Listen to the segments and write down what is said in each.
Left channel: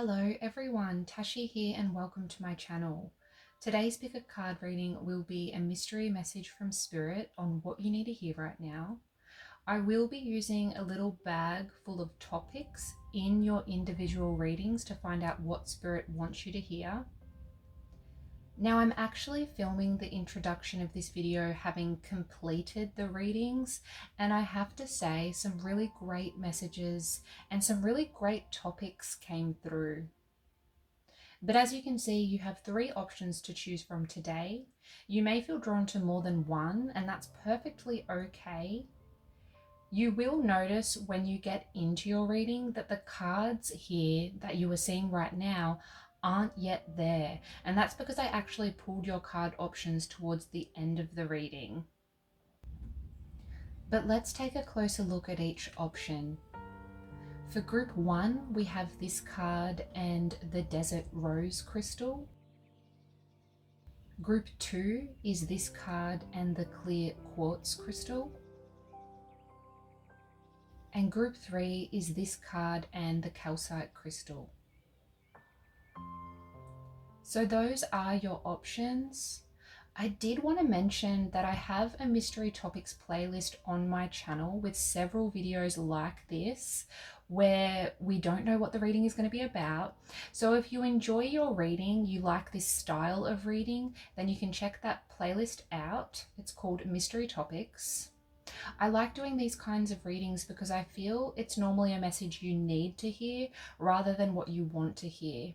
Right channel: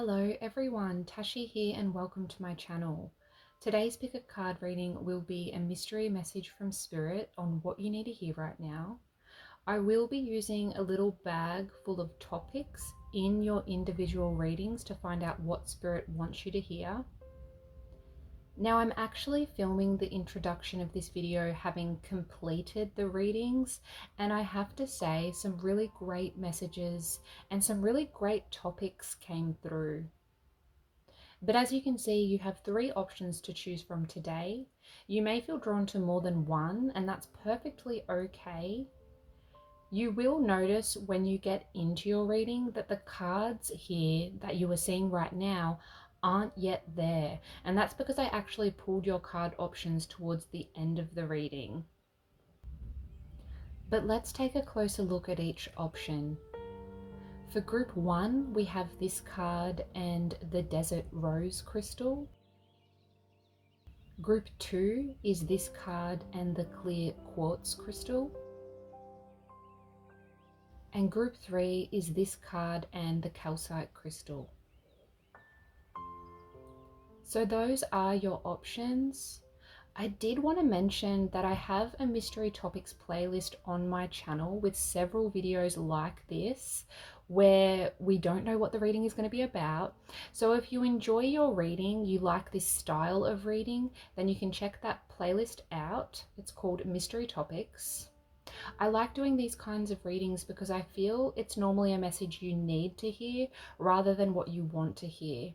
Hello everyone, Tashi here and welcome to my channel. Today's pick a card reading will be a mystery message from Spirit on what you need to hear right now. I will be using a little bag full of topics in your individual readings to find out what Spirit wants you to hear. Now I'm actually filming the introduction of this video having completed the readings, and I have to say some really great messages and some really great topics came through. But as you can see, you have 3 options to choose from today. You may feel drawn to more than one, and that's perfectly okay. You will notice when you get into your reading that the cards here that you are seeing right now aren't yet there, and that's because I actually pulled your card options towards the end of the reading. But let's take a closer look at each option. For group 1, we have this card and the Desert Rose Crystal. Group 2 is this card and the Clear Quartz Crystal. And group 3 is this card and the Calcite Crystal. So those are your options. I did want to mention that I have a mystery topics playlist on my channel with several videos like this where we don't know what the reading is going to be about. So if you enjoy your reading, you like this style of reading, then you can check that playlist out. It's called Mystery Topics. I like doing these kinds of readings because I feel it's normally a message you need to hear rather than what you want to hear.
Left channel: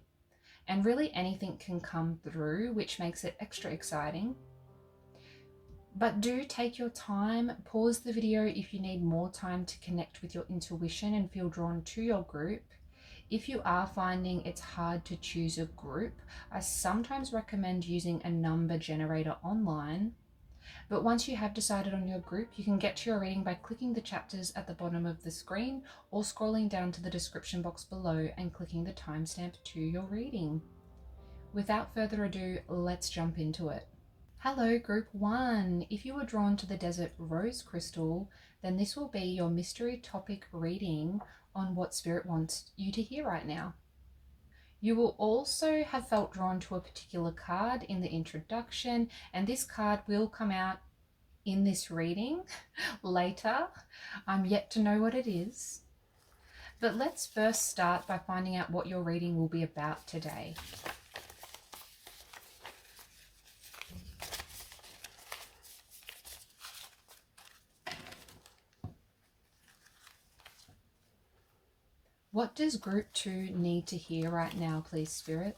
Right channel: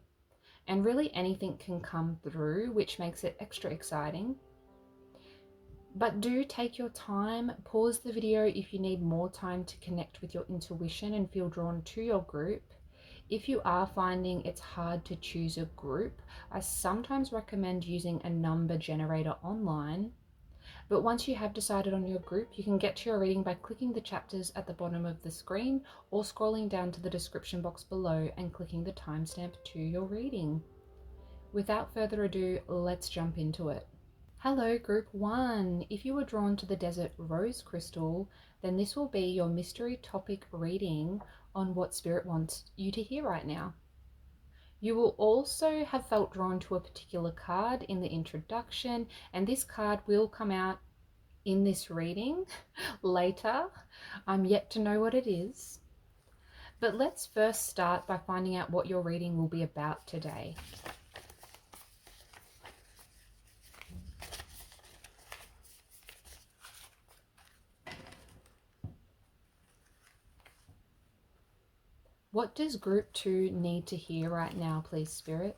And really anything can come through, which makes it extra exciting. But do take your time, pause the video if you need more time to connect with your intuition and feel drawn to your group. If you are finding it's hard to choose a group, I sometimes recommend using a number generator online. But once you have decided on your group, you can get to your reading by clicking the chapters at the bottom of the screen or scrolling down to the description box below and clicking the timestamp to your reading. Without further ado, let's jump into it. Hello group 1. If you were drawn to the Desert Rose Crystal, then this will be your mystery topic reading on what Spirit wants you to hear right now. You will also have felt drawn to a particular card in the introduction, and this card will come out in this reading later. I'm yet to know what it is. But let's first start by finding out what your reading will be about today. What does group 2 need to hear right now, please, Spirit?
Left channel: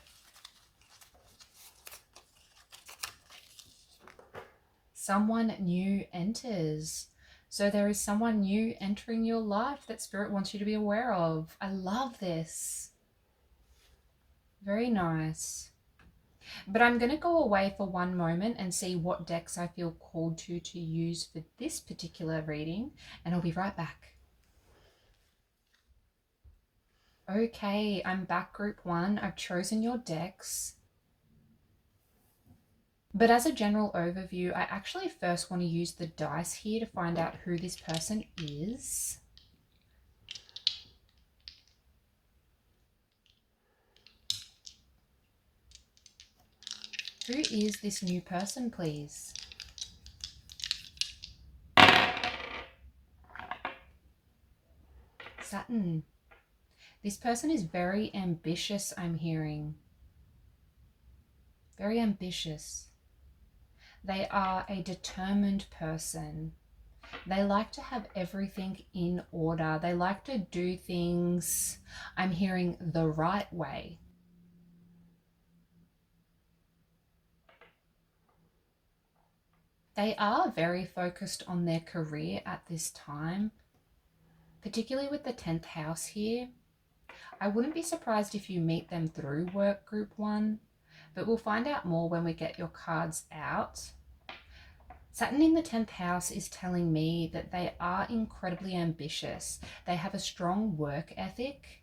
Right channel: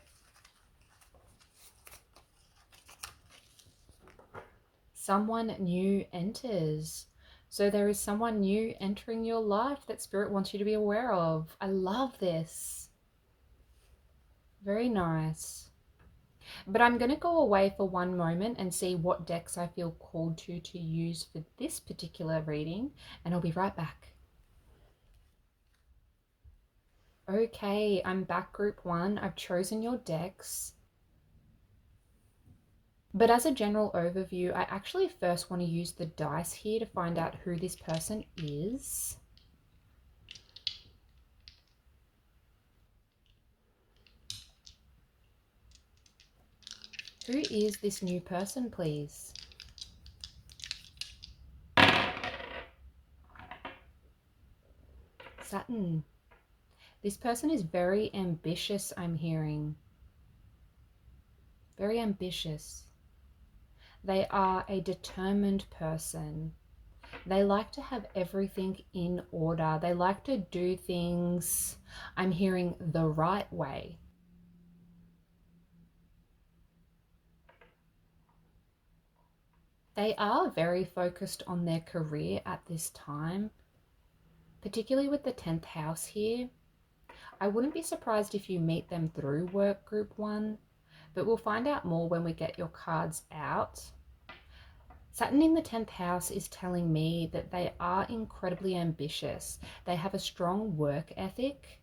Someone new enters. So there is someone new entering your life that Spirit wants you to be aware of. I love this. Very nice. But I'm going to go away for one moment and see what decks I feel called to use for this particular reading, and I'll be right back. Okay, I'm back group 1. I've chosen your decks. But as a general overview, I actually first want to use the dice here to find out who this person is. Who is this new person, please? Saturn. This person is very ambitious, I'm hearing. Very ambitious. They are a determined person. They like to have everything in order. They like to do things, I'm hearing, the right way. They are very focused on their career at this time, particularly with the 10th house here. I wouldn't be surprised if you meet them through work group 1, but we'll find out more when we get your cards out. Saturn in the 10th house is telling me that they are incredibly ambitious. They have a strong work ethic.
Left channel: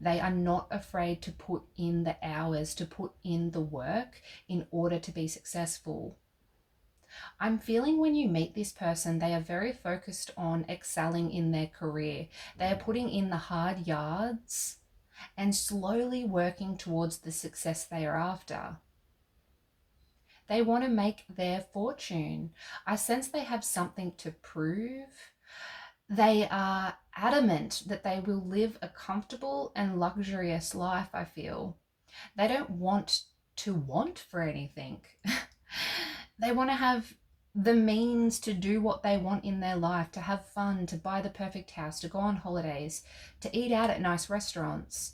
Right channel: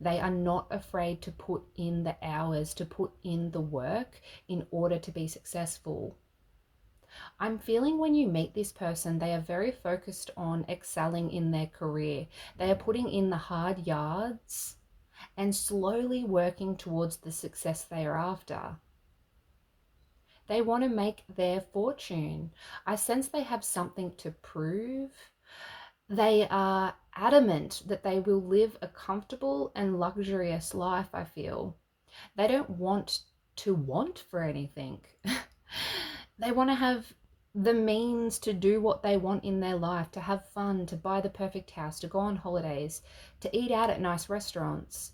They are not afraid to put in the hours, to put in the work in order to be successful. I'm feeling when you meet this person, they are very focused on excelling in their career. They are putting in the hard yards and slowly working towards the success they are after. They want to make their fortune. I sense they have something to prove. They are adamant that they will live a comfortable and luxurious life, I feel. They don't want to want for anything. They want to have the means to do what they want in their life, to have fun, to buy the perfect house, to go on holidays, to eat out at nice restaurants.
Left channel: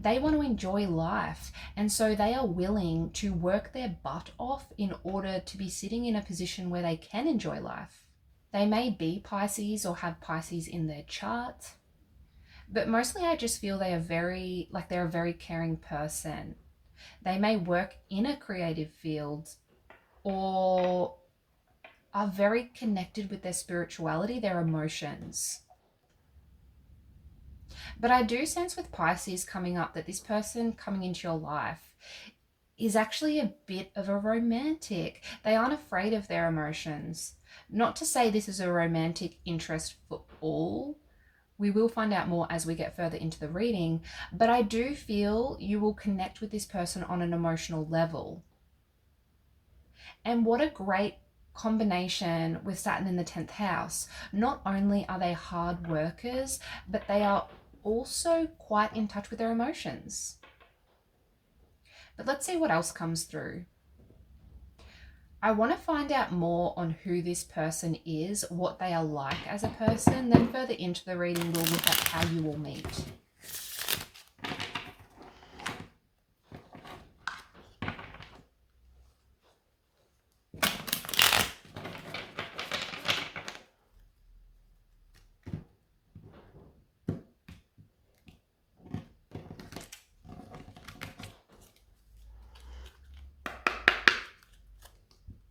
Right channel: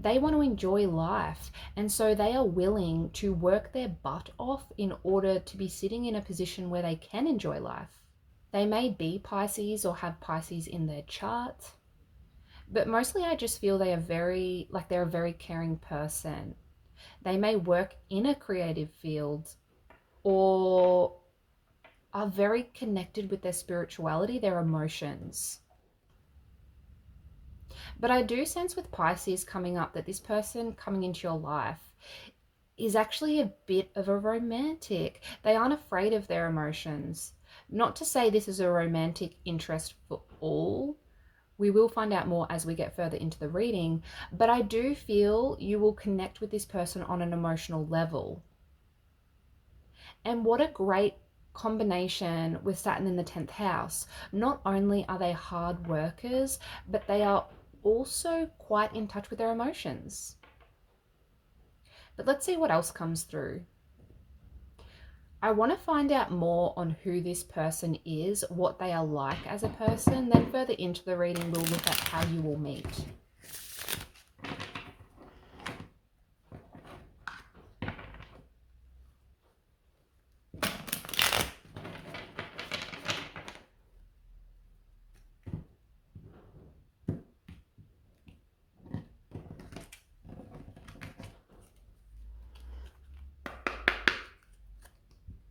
They want to enjoy life, and so they are willing to work their butt off in order to be sitting in a position where they can enjoy life. They may be Pisces or have Pisces in their chart, but mostly I just feel they're a very caring person. They may work in a creative field or are very connected with their spirituality, their emotions. But I do sense with Pisces coming up that this person coming into your life is actually a bit of a romantic. They aren't afraid of their emotions. Not to say this is a romantic interest for all. We will find out more as we get further into the reading, but I do feel you will connect with this person on an emotional level. And what a great combination with Saturn in the 10th house. Not only are they hard workers, but they are also quite in touch with their emotions. But let's see what else comes through. I want to find out more on who this person is, what they are like as a person. Then further into the reading, we'll look at how you will meet.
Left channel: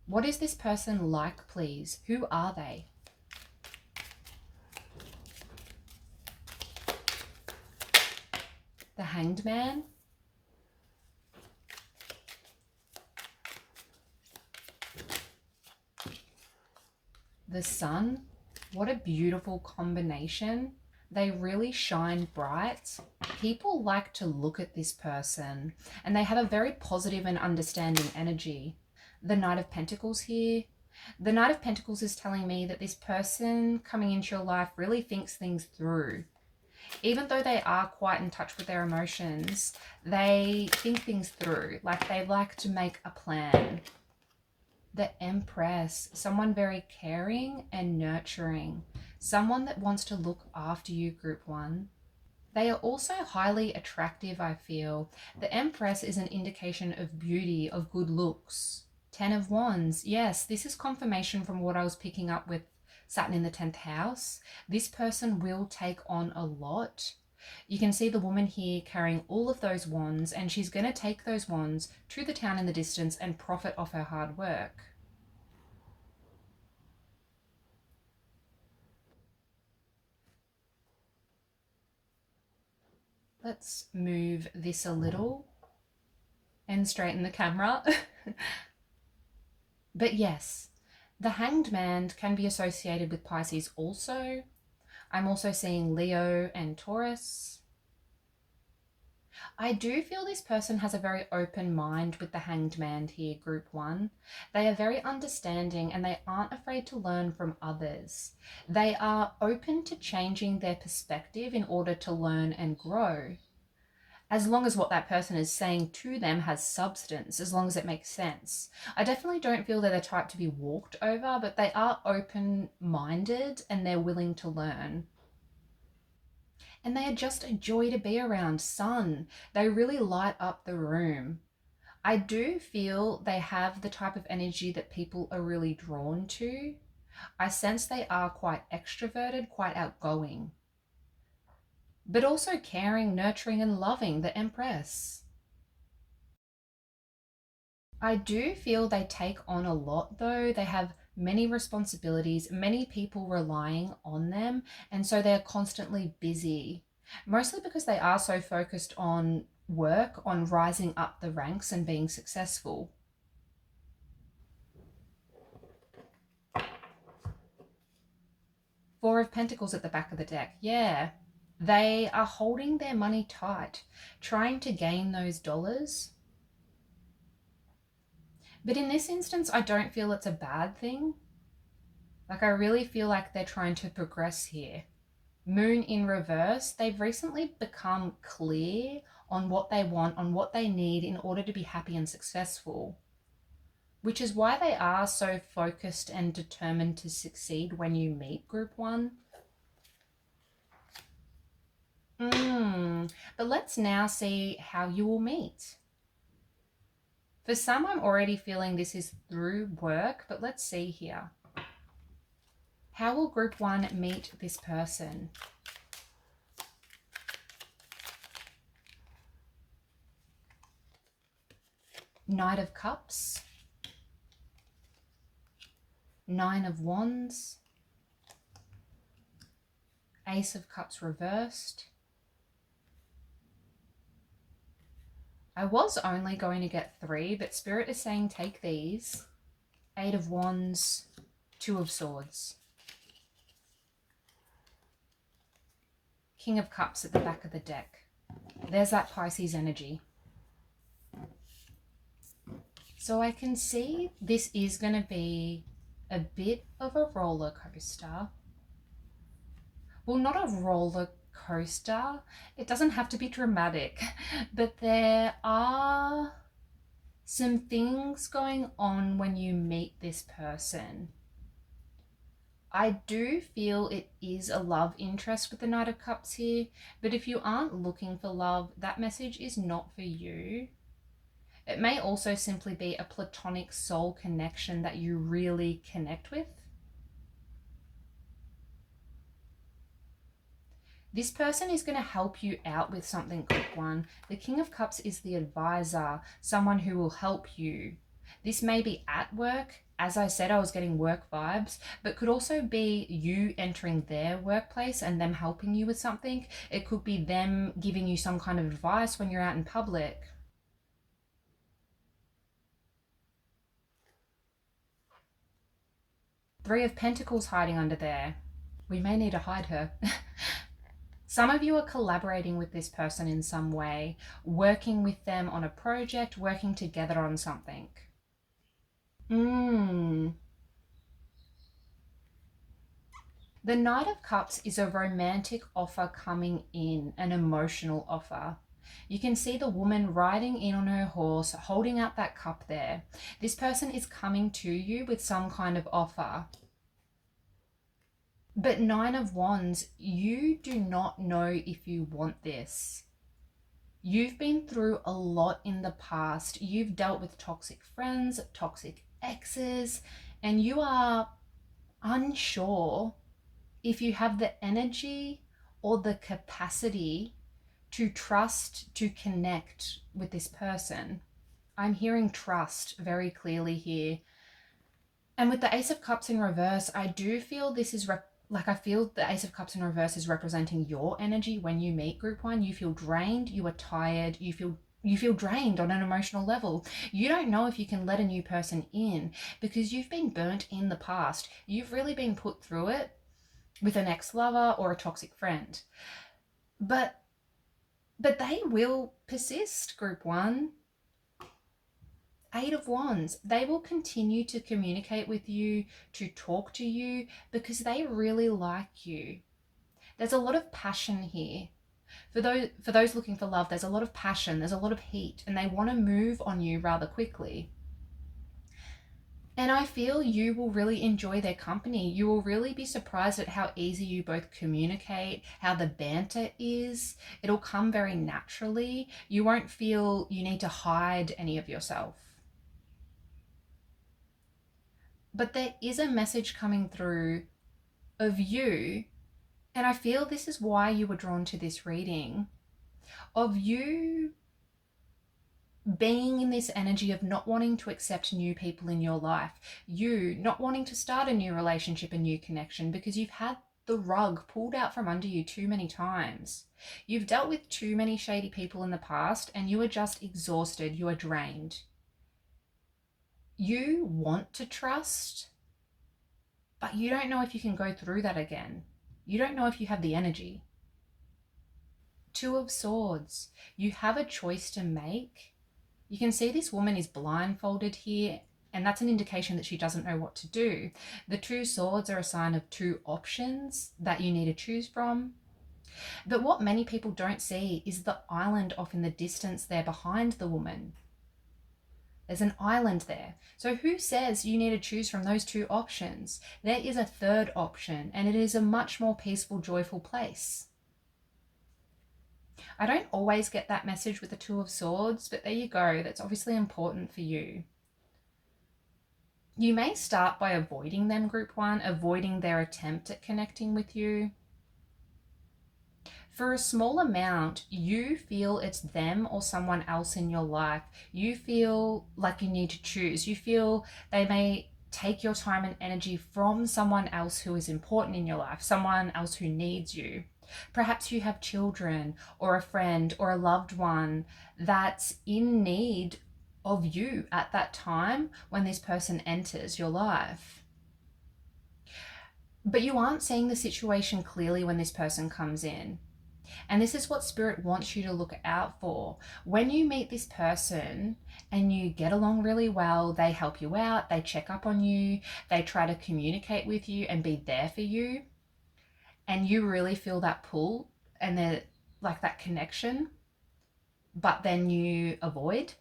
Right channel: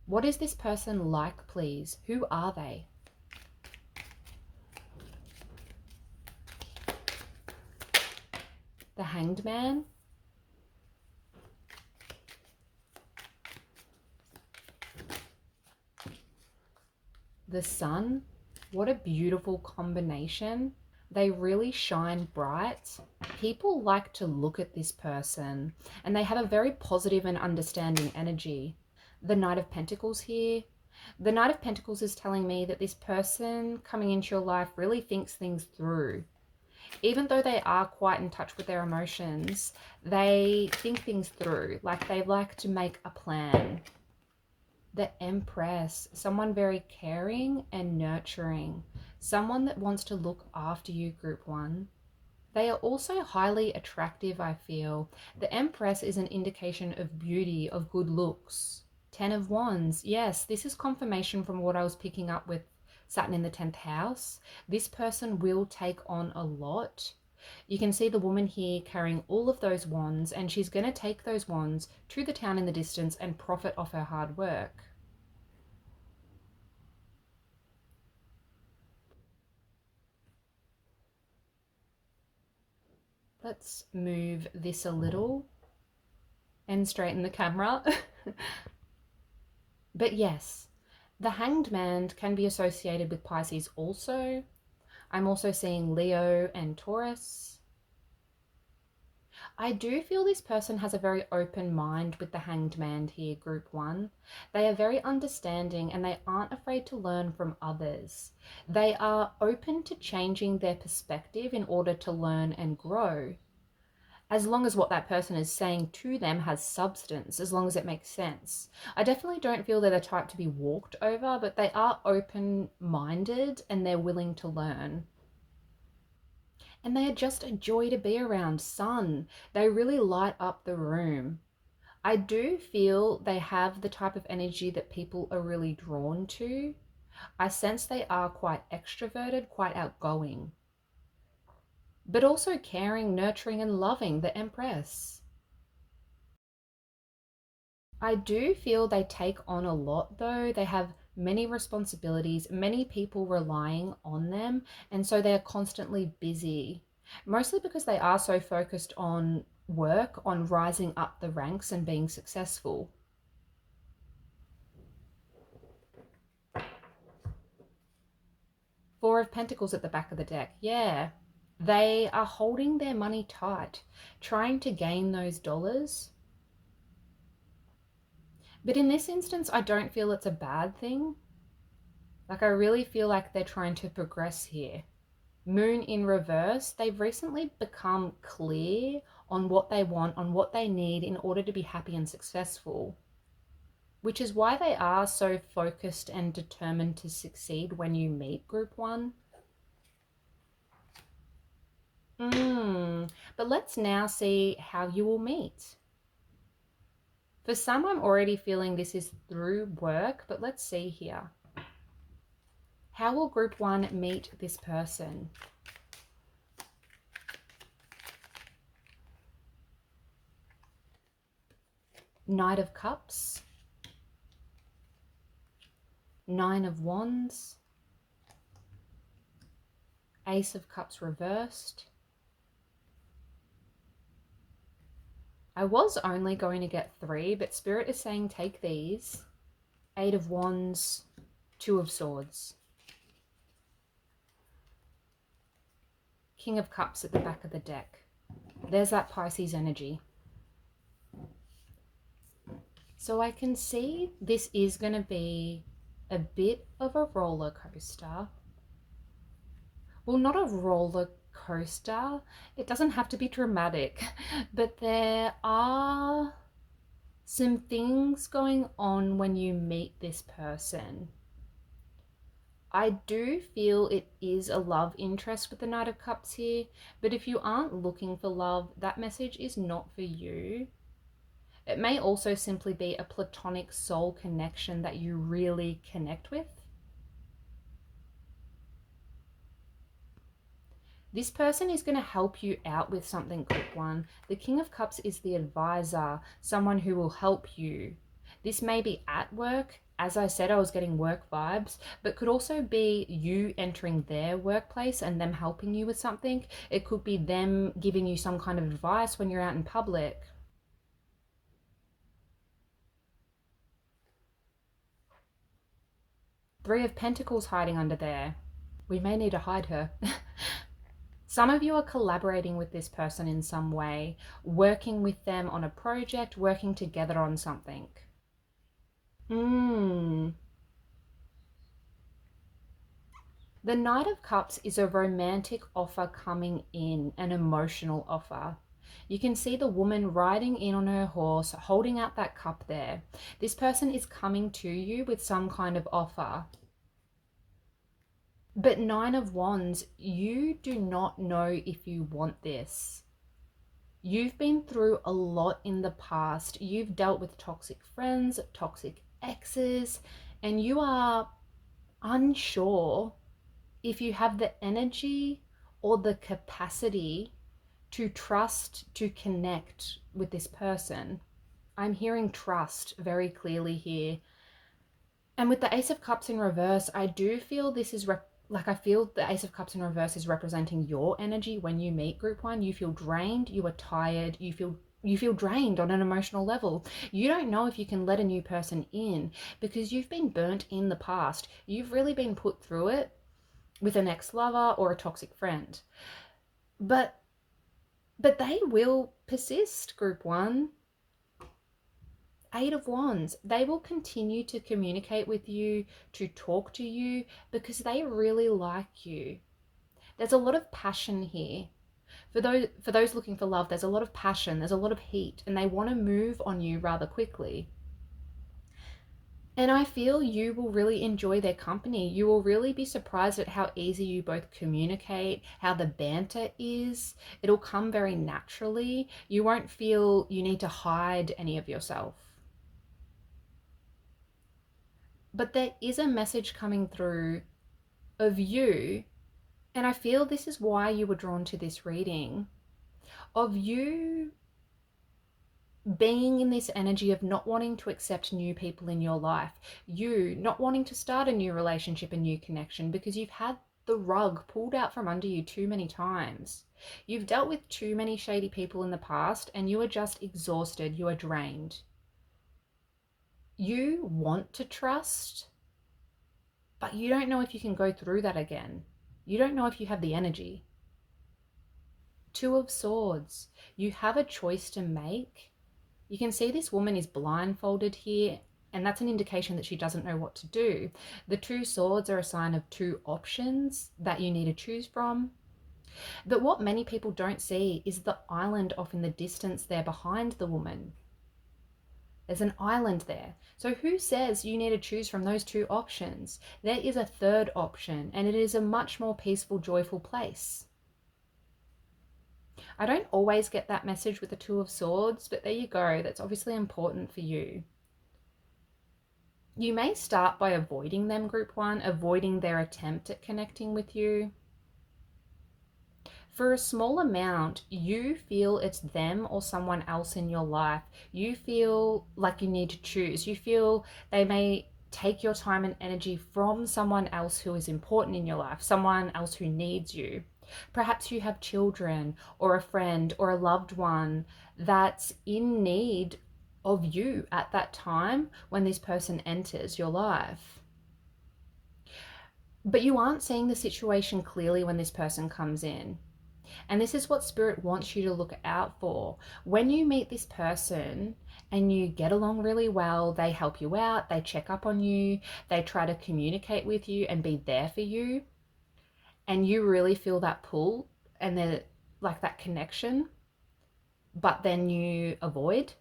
What is this person like, please? Who are they? The Hanged Man. The Sun. What a beautiful combination. They really shine bright. People like to look at this person and they have a very positive and understanding energy. The Knight of Pentacles here. The Knight of Pentacles is telling me that this person coming into your life really thinks things through. Even though they are quite in touch with their emotions, they think things through. Like they like to make a plan. The Empress, someone very caring and nurturing. Someone that wants to look after you, Group 1. They are also highly attractive, I feel. The Empress is an indication of beauty, of good looks. 10 of Wands. Yes, this is confirmation from what I was picking up with Saturn in the 10th house. This person will take on a lot. You can see the woman here carrying all of those wands, and she's going to take those wands to the town in the distance and profit off her hard work. Let's move this a little and straighten the camera. But yes, the Hanged Man can be associated with Pisces also. I'm also seeing Leo and Taurus. I do feel this person has a very open mind with the Hanged Man here, Group 1. They are very understanding and they aren't afraid to learn from others. They are open to changing their perspective in order to learn and grow. As long as what that person is saying to them has substance, as long as it makes sense. I definitely don't feel they're the type to be walked over, but they are open-minded and they're willing to learn. And they are just a joy to be around. Sun, they really light up the room. I do feel they have the type of energy that people are really drawn to. I sense they are quite extroverted, quite outgoing, but also caring, nurturing, and loving, the Empress. I do feel they take on a lot though. They have many responsibilities, many people relying on them, and so they're constantly busy. Mostly because they are so focused on work, on rising up the ranks and being successful. Four of Pentacles at the back of the deck. Yeah. They are holding their money tight, trying to gain those dollars. But in this instance, I don't feel it's a bad thing. Like, I really feel like they're trying to progress here. Moon in reverse, they've recently become clear on what they want, on what they need in order to be happy and successful, which is why they are so focused and determined to succeed when you meet group one. But let's now see how you will meet. For some, I'm already feeling this is through work, but let's see here. How will group one meet this person? Knight of Cups, Nine of Wands, Ace of Cups reversed. I was only going to get 3, but Spirit is saying take these. Eight of Wands, Two of Swords. King of Cups at the back of the deck. There's that Pisces energy. So I can see this is going to be a bit of a roller coaster. Well, not a roller coaster. It doesn't have to be dramatic, but there are some things going on when you meet this person. I do feel it is a love interest with the Knight of Cups here, but if you aren't looking for love, that message is not for you. It may also simply be a platonic soul connection that you really connect with. This person is going to help you out with something, group one. The King of Cups is the advisor, someone who will help you. This may be at work. As I said, I was getting work vibes, but could also be you entering their workplace and them helping you with something. It could be them giving you some kind of advice when you're out in public. Three of Pentacles hiding under there. We may need to hide her. Some of you are collaborating with this person in some way, working with them on a project, working together on something. The Knight of Cups is a romantic offer coming in, an emotional offer. You can see the woman riding in on her horse, holding out that cup there. This person is coming to you with some kind of offer. But Nine of Wands, you do not know if you want this. You've been through a lot in the past. You've dealt with toxic friends, toxic exes, and you are unsure if you have the energy or the capacity to trust, to connect with this person. I'm hearing trust very clearly here. And with the Ace of Cups in reverse, I do feel this is I feel the Ace of Cups in reverse is representing your energy when you meet group one. You feel drained, you are tired, you feel drained on an emotional level. You don't know if you can let a new person in because you've been burnt in the past. You've really been put through it with an ex-lover or a toxic friend. But they will persist, group one. Eight of Wands, they will continue to communicate with you, to talk to you, because they really like you. There's a lot of passion here. For those looking for love, there's a lot of passion, there's a lot of heat, and they want to move on you rather quickly. And I feel you will really enjoy their company. You will really be surprised at how easy you both communicate, how the banter is. It'll come very naturally. You won't feel you need to hide any of yourself. But there is a message coming through of you, and I feel this is why you were drawn to this reading, of you being in this energy of not wanting to accept new people in your life, you not wanting to start a new relationship, a new connection, because you've had the rug pulled out from under you too many times. You've dealt with too many shady people in the past and you are just exhausted, you are drained. You want to trust, but you don't know if you can go through that again. You don't know if you have the energy. Two of Swords. You have a choice to make. You can see this woman is blindfolded here, and that's an indication that she doesn't know what to do. The two swords are a sign of two options that you need to choose from. But what many people don't see is the island off in the distance there behind the woman. There's an island there. So who says you need to choose from those two options? There is a third option, and it is a much more peaceful, joyful place. I don't always get that message with the Two of Swords, but there you go. That's obviously important for you. You may start by avoiding them, group one, avoiding their attempt at connecting with you. For a small amount, you feel it's them or someone else in your life. You feel like you need to choose. You feel they may take your time and energy from someone else who is important in your life, someone else who needs you. Perhaps you have children or a friend or a loved one that's in need of you at that time when this person enters your life. But you aren't seeing the situation clearly when this person comes in. And this is what Spirit wants you to look out for. When you meet this person and you get along really well, they help you out, they check up on you, they try to communicate with you and be there for you, and you really feel that pull and like that connection, but then you avoid,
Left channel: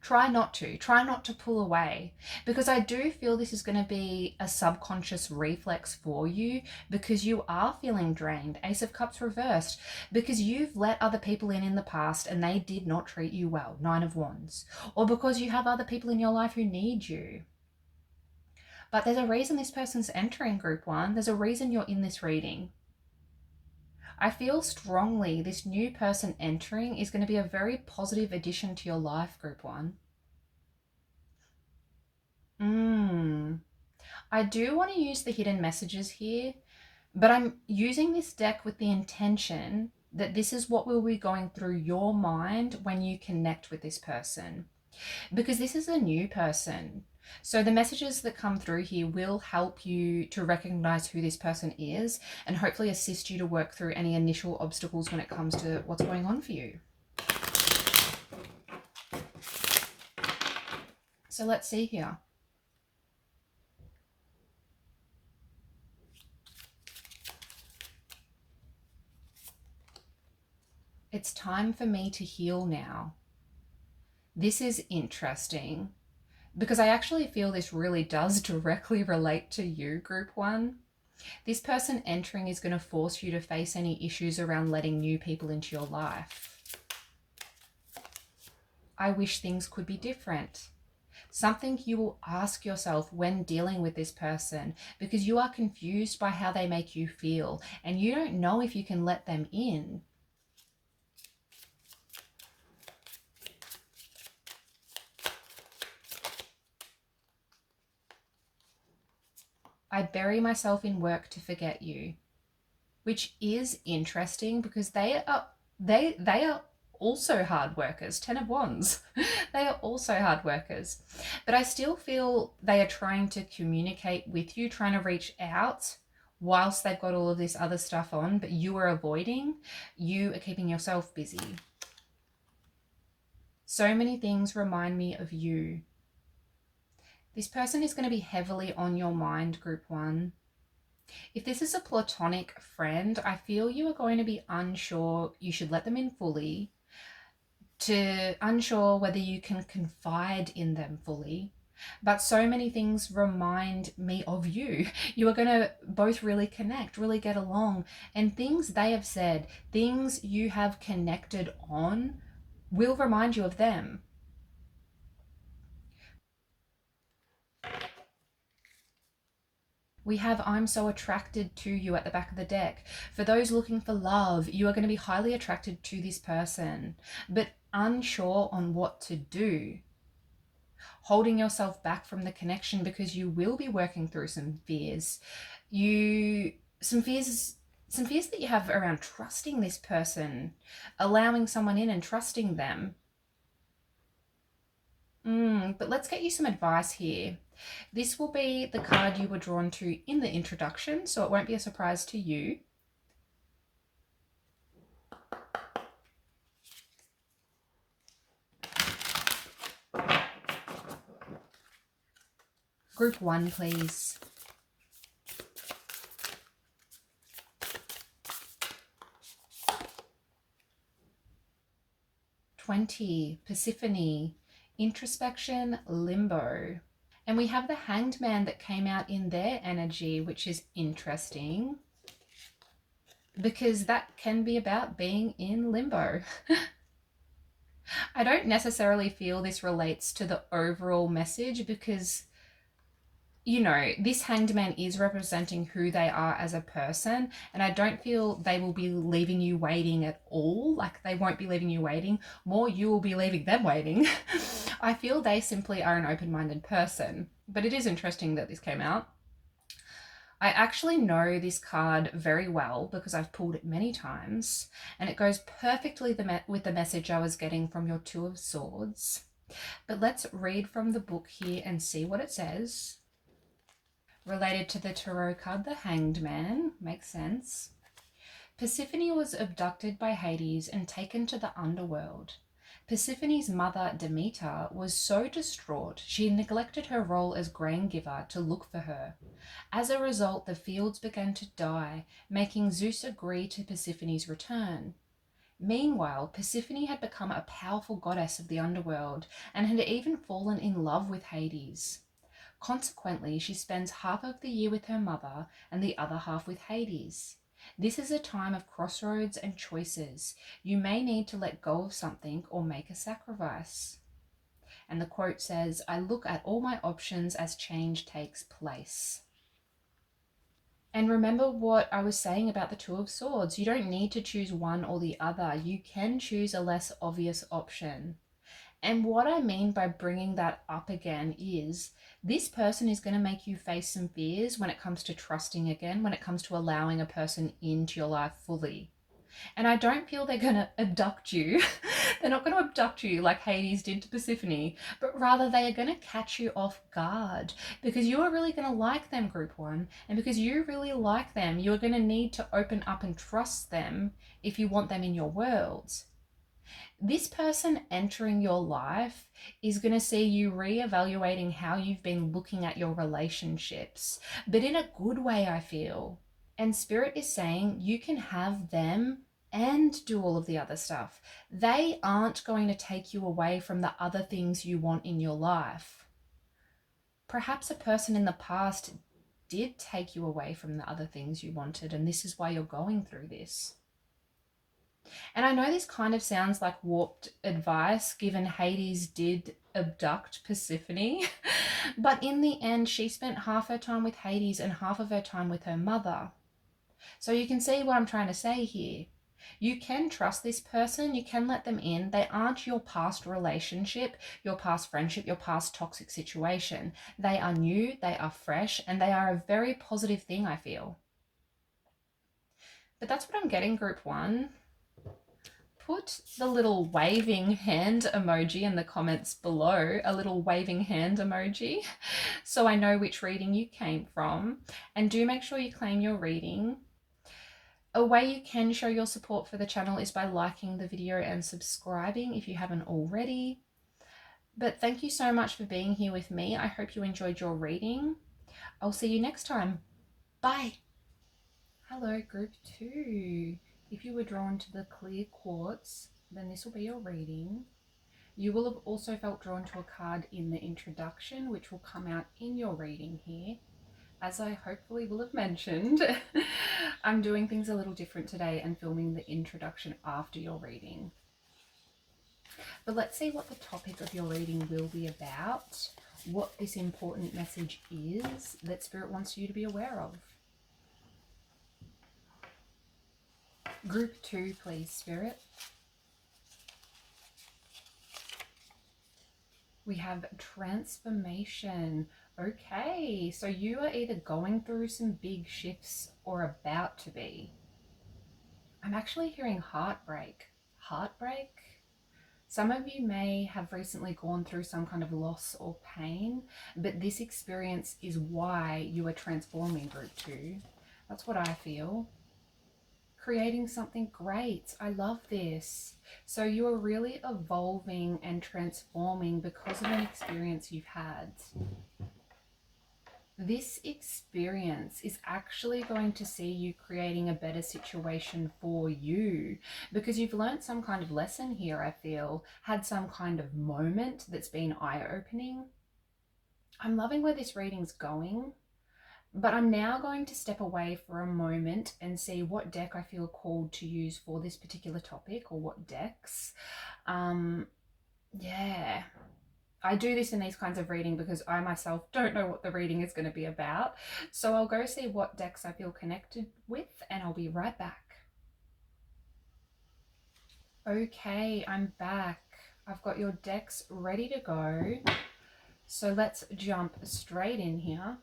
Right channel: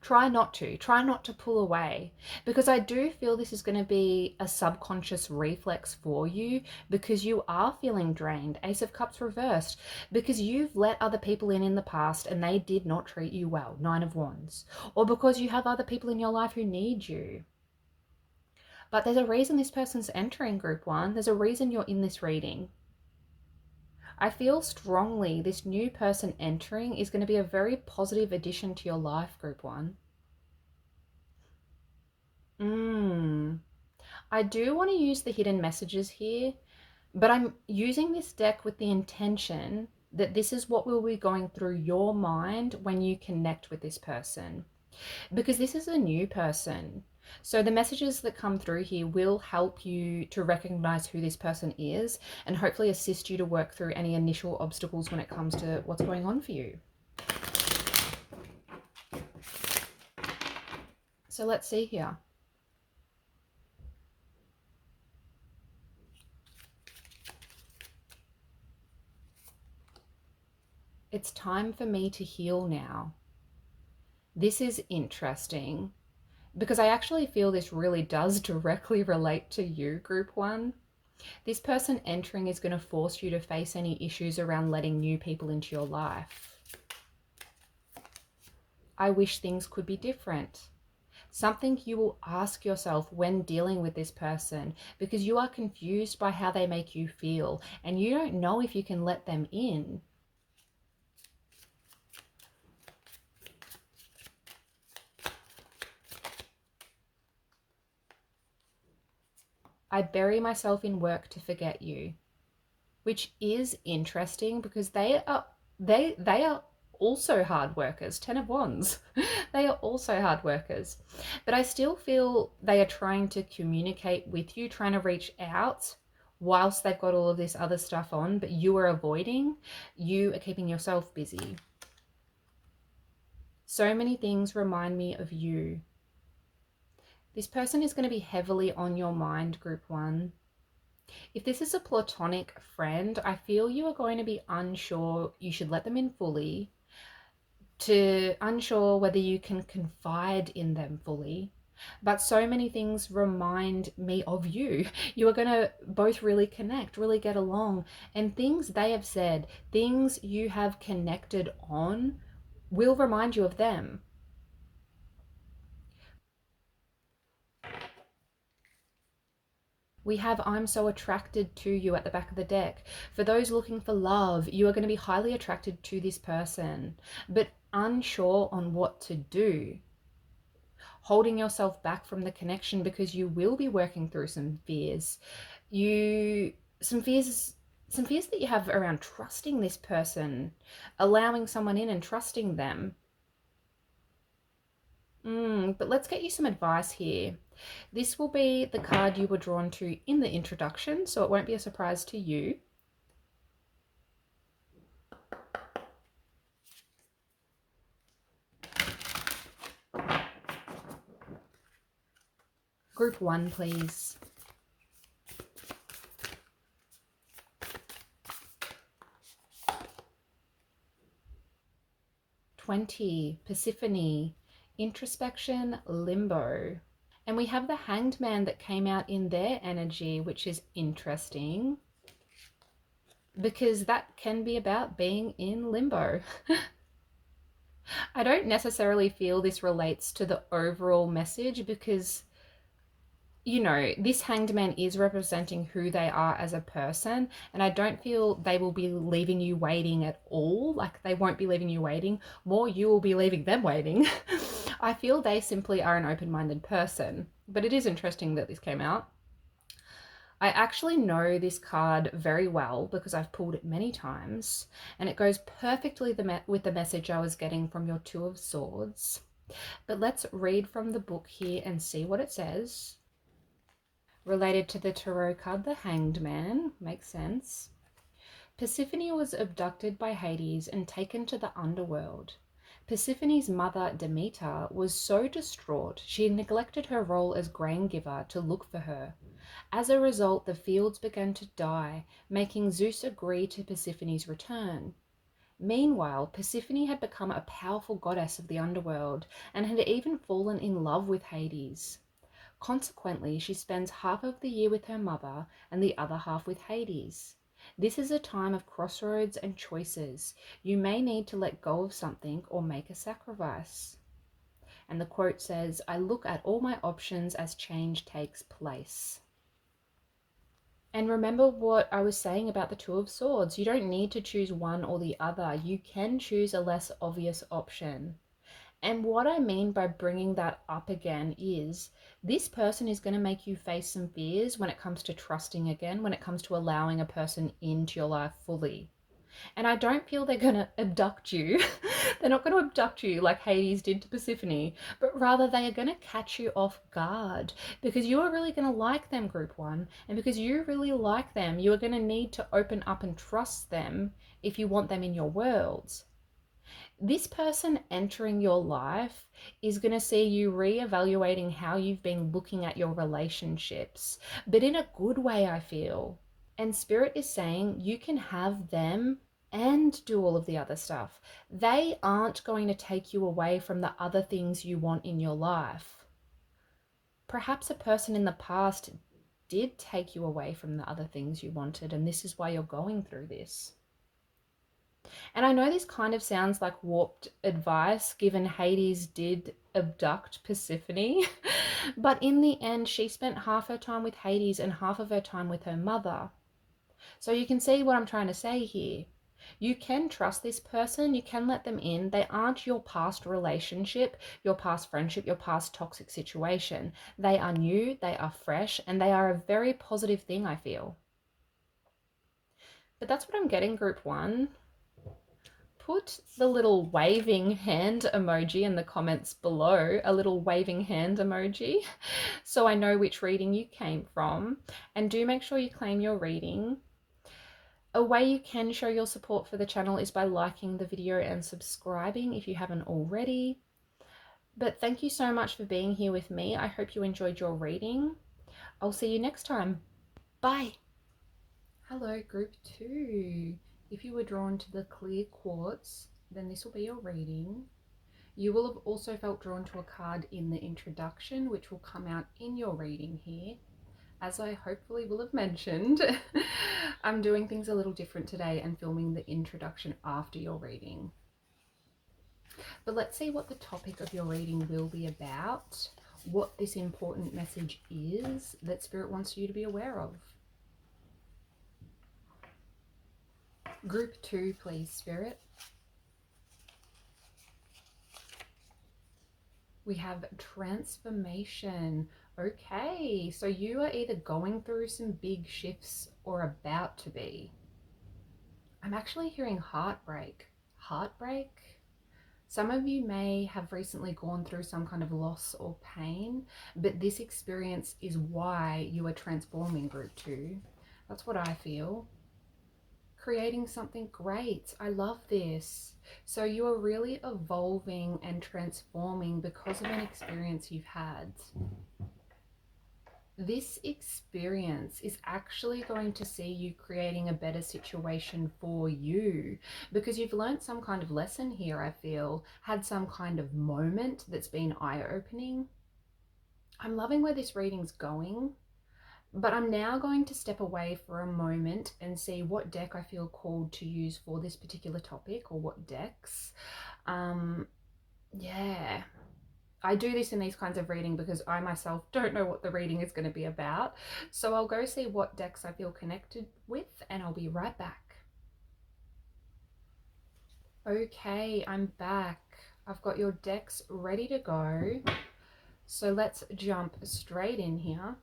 try not to pull away, because I do feel this is going to be a subconscious reflex for you, because you are feeling drained. Ace of Cups reversed, because you've let other people in the past and they did not treat you well. Nine of Wands. Or because you have other people in your life who need you. But there's a reason this person's entering, group one. There's a reason you're in this reading. I feel strongly this new person entering is going to be a very positive addition to your life, group one. I do want to use the hidden messages here, but I'm using this deck with the intention that this is what will be going through your mind when you connect with this person, because this is a new person. So the messages that come through here will help you to recognize who this person is and hopefully assist you to work through any initial obstacles when it comes to what's going on for you. So let's see here. It's time for me to heal now. This is interesting, because I actually feel this really does directly relate to you, group one. This person entering is going to force you to face any issues around letting new people into your life. I wish things could be different. Something you will ask yourself when dealing with this person, because you are confused by how they make you feel and you don't know if you can let them in. I bury myself in work to forget you, which is interesting because they are also hard workers. 10 of Wands. They are also hard workers. But I still feel they are trying to communicate with you, trying to reach out whilst they've got all of this other stuff on, but you are avoiding. You are keeping yourself busy. So many things remind me of you. This person is going to be heavily on your mind, group one. If this is a platonic friend, I feel you are going to be unsure you should let them in fully, unsure whether you can confide in them fully. But so many things remind me of you. You are going to both really connect, really get along, and things they have said, things you have connected on, will remind you of them. We have I'm so attracted to you at the back of the deck. For those looking for love, you are going to be highly attracted to this person, but unsure on what to do. Holding yourself back from the connection because you will be working through some fears. Some fears that you have around trusting this person, allowing someone in and trusting them. But let's get you some advice here. This will be the card you were drawn to in the introduction, so it won't be a surprise to you. Group 1, please. $20, Persephone, introspection, limbo. And we have the Hanged Man that came out in their energy, which is interesting because that can be about being in limbo. I don't necessarily feel this relates to the overall message because, you know, this Hanged Man is representing who they are as a person, and I don't feel they will be leaving you waiting at all. Like, they won't be leaving you waiting. More, you will be leaving them waiting. I feel they simply are an open-minded person, but it is interesting that this came out. I actually know this card very well because I've pulled it many times, and it goes perfectly with the message I was getting from your Two of Swords. But let's read from the book here and see what it says. Related to the tarot card, the Hanged Man, makes sense. Persephone was abducted by Hades and taken to the underworld. Persephone's mother, Demeter, was so distraught she neglected her role as grain giver to look for her. As a result, the fields began to die, making Zeus agree to Persephone's return. Meanwhile, Persephone had become a powerful goddess of the underworld and had even fallen in love with Hades. Consequently, she spends half of the year with her mother and the other half with Hades. This is a time of crossroads and choices. You may need to let go of something or make a sacrifice. And the quote says, "I look at all my options as change takes place." And remember what I was saying about the Two of Swords. You don't need to choose one or the other. You can choose a less obvious option. And what I mean by bringing that up again is this person is going to make you face some fears when it comes to trusting again, when it comes to allowing a person into your life fully. And I don't feel they're going to abduct you. They're not going to abduct you like Hades did to Persephone, but rather they are going to catch you off guard because you are really going to like them, Group 1. And because you really like them, you are going to need to open up and trust them if you want them in your world. This person entering your life is going to see you reevaluating how you've been looking at your relationships, but in a good way, I feel. And Spirit is saying you can have them and do all of the other stuff. They aren't going to take you away from the other things you want in your life. Perhaps a person in the past did take you away from the other things you wanted, and this is why you're going through this. And I know this kind of sounds like warped advice given Hades did abduct Persephone, but in the end, she spent half her time with Hades and half of her time with her mother. So you can see what I'm trying to say here. You can trust this person, you can let them in. They aren't your past relationship, your past friendship, your past toxic situation. They are new, they are fresh, and they are a very positive thing, I feel. But that's what I'm getting, Group 1. Put the little waving hand emoji in the comments below, a little waving hand emoji, so I know which reading you came from. And do make sure you claim your reading. A way you can show your support for the channel is by liking the video and subscribing if you haven't already. But thank you so much for being here with me. I hope you enjoyed your reading. I'll see you next time. Bye. Hello, Group 2. If you were drawn to the clear quartz, then this will be your reading. You will have also felt drawn to a card in the introduction, which will come out in your reading here. As I hopefully will have mentioned, I'm doing things a little different today and filming the introduction after your reading. But let's see what the topic of your reading will be about, what this important message is that Spirit wants you to be aware of. Group 2, please, Spirit. We have transformation. Okay, so you are either going through some big shifts or about to be. I'm actually hearing heartbreak. Heartbreak? Some of you may have recently gone through some kind of loss or pain, but this experience is why you are transforming, Group 2. That's what I feel. Creating something great. I love this. So you're really evolving and transforming because of an experience you've had. This experience is actually going to see you creating a better situation for you because you've learned some kind of lesson here, I feel, had some kind of moment that's been eye-opening. I'm loving where this reading's going, but I'm now going to step away for a moment and see what deck I feel called to use for this particular topic, or what decks. Yeah. I do this in these kinds of reading because I myself don't know what the reading is going to be about. So I'll go see what decks I feel connected with and I'll be right back. Okay, I'm back. I've got your decks ready to go. So let's jump straight in here.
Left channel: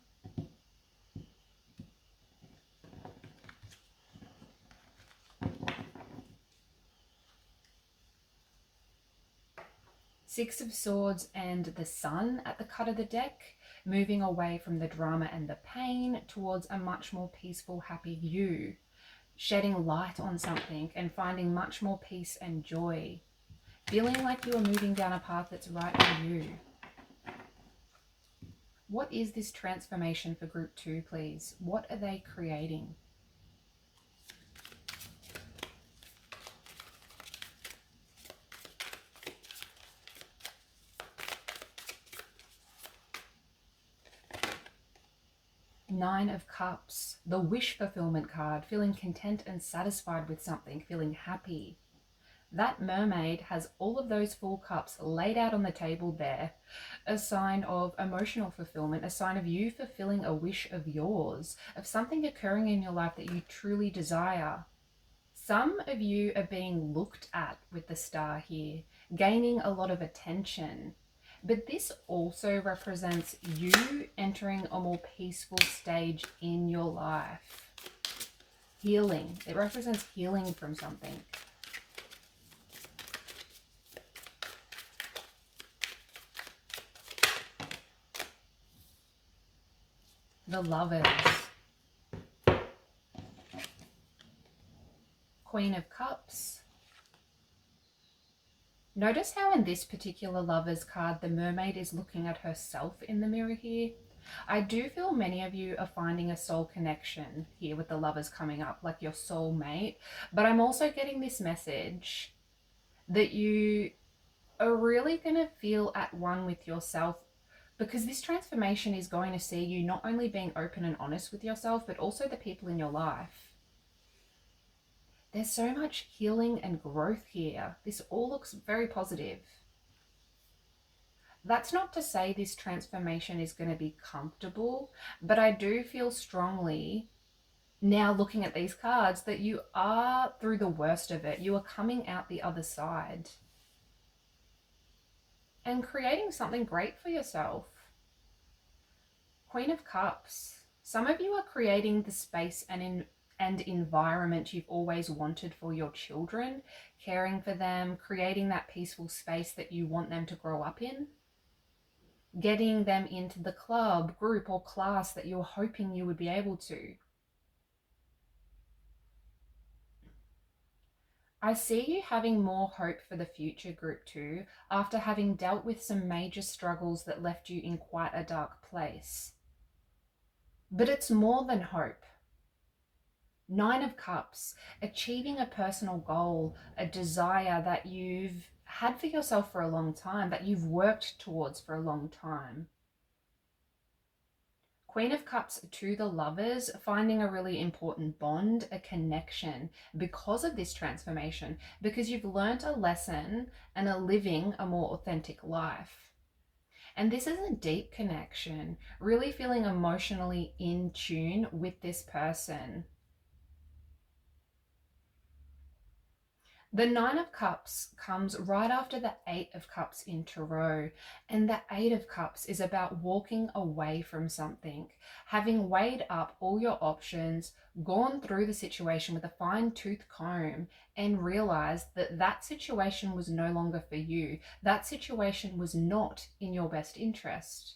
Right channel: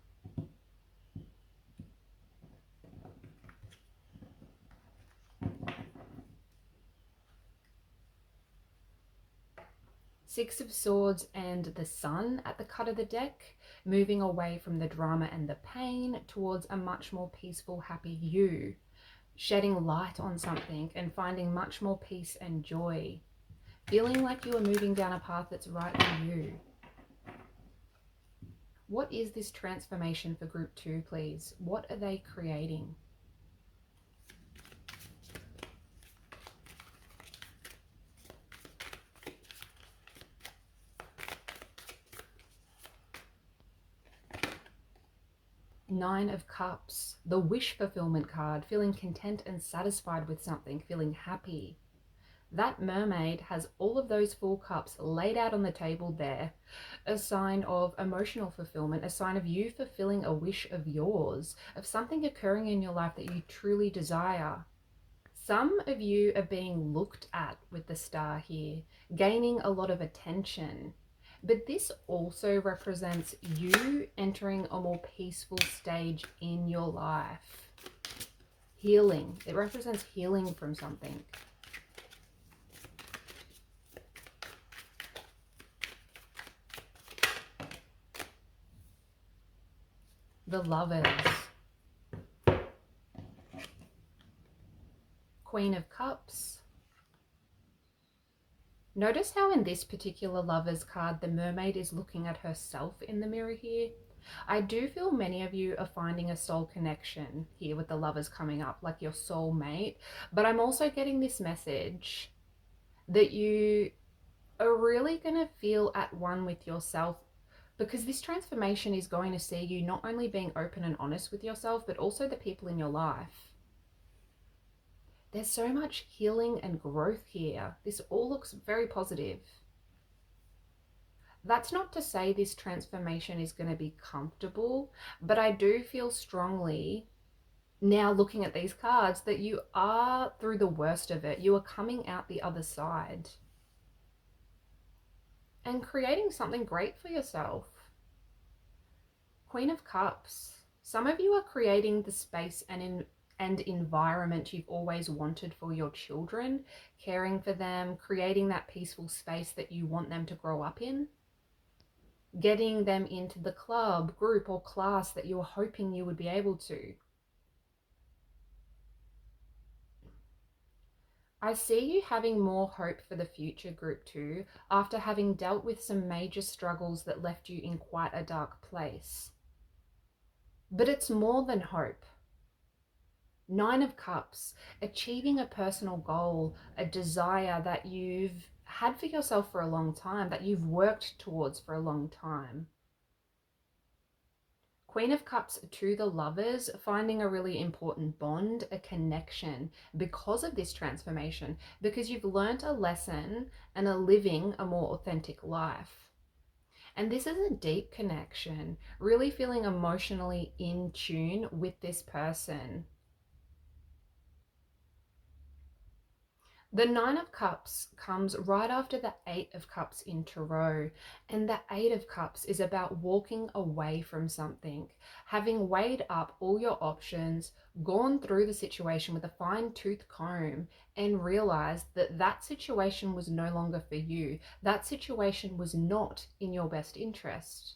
Six of Swords and the Sun at the cut of the deck, moving away from the drama and the pain towards a much more peaceful, happy you. Shedding light on something and finding much more peace and joy. Feeling like you are moving down a path that's right for you. What is this transformation for group 2, please? What are they creating? Nine of Cups, the wish fulfillment card, feeling content and satisfied with something, feeling happy. That mermaid has all of those full cups laid out on the table there. A sign of emotional fulfillment, a sign of you fulfilling a wish of yours, of something occurring in your life that you truly desire. Some of you are being looked at with the star here, gaining a lot of attention. But this also represents you entering a more peaceful stage in your life. Healing. It represents healing from something. The Lovers. Queen of Cups. Notice how in this particular Lovers card, the mermaid is looking at herself in the mirror here. I do feel many of you are finding a soul connection here with the Lovers coming up, like your soul mate. But I'm also getting this message that you are really going to feel at one with yourself, because this transformation is going to see you not only being open and honest with yourself, but also the people in your life. There's so much healing and growth here. This all looks very positive. That's not to say this transformation is going to be comfortable, but I do feel strongly now, looking at these cards, that you are through the worst of it. You are coming out the other side and creating something great for yourself. Queen of Cups. Some of you are creating the space and environment you've always wanted for your children, caring for them, creating that peaceful space that you want them to grow up in, getting them into the club, group, or class that you're hoping you would be able to. I see you having more hope for the future, group 2, after having dealt with some major struggles that left you in quite a dark place. But it's more than hope. Nine of Cups, achieving a personal goal, a desire that you've had for yourself for a long time, that you've worked towards for a long time. Queen of Cups to the Lovers, finding a really important bond, a connection because of this transformation, because you've learnt a lesson and are living a more authentic life. And this is a deep connection, really feeling emotionally in tune with this person. The Nine of Cups comes right after the Eight of Cups in Tarot, and the Eight of Cups is about walking away from something, having weighed up all your options, gone through the situation with a fine-tooth comb, and realized that that situation was no longer for you. That situation was not in your best interest.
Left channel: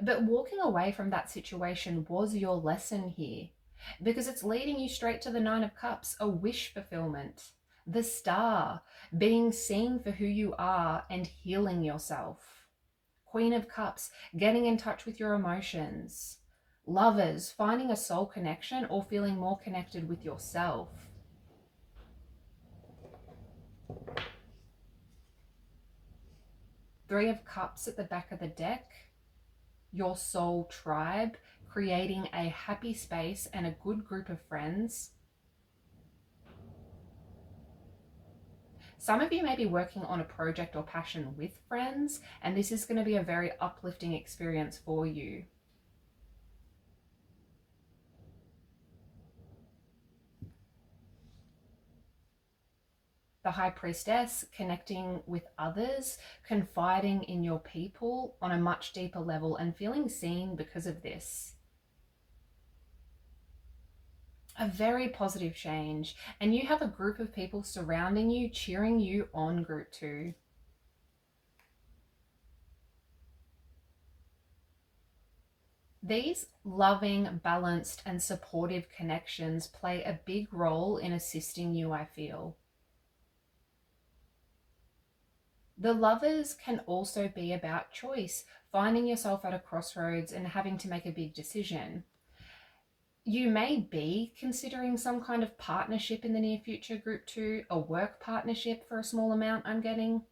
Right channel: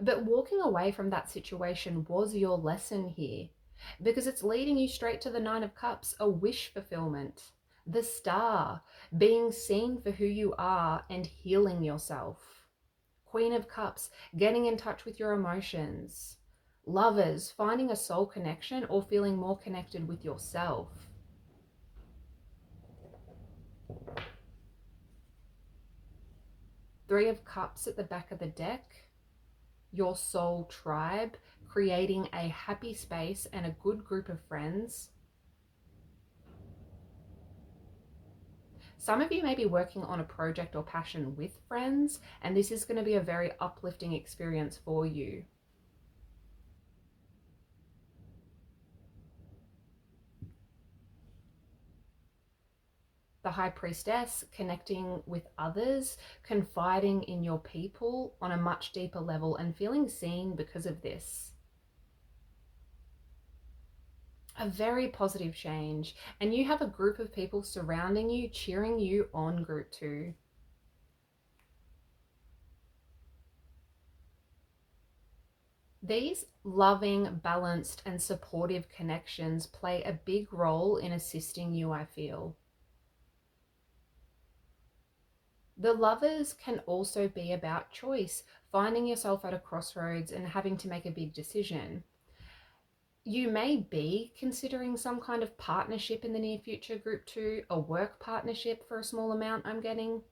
But walking away from that situation was your lesson here, because it's leading you straight to the Nine of Cups, a wish fulfillment. The Star, being seen for who you are and healing yourself. Queen of Cups, getting in touch with your emotions. Lovers, finding a soul connection or feeling more connected with yourself. Three of Cups at the back of the deck, your soul tribe, creating a happy space and a good group of friends. Some of you may be working on a project or passion with friends, and this is going to be a very uplifting experience for you. The High Priestess, connecting with others, confiding in your people on a much deeper level and feeling seen because of this. A very positive change, and you have a group of people surrounding you, cheering you on, group 2. These loving, balanced, and supportive connections play a big role in assisting you, I feel. The Lovers can also be about choice, finding yourself at a crossroads and having to make a big decision. You may be considering some kind of partnership in the near future, group 2, a work partnership for a small amount, I'm getting.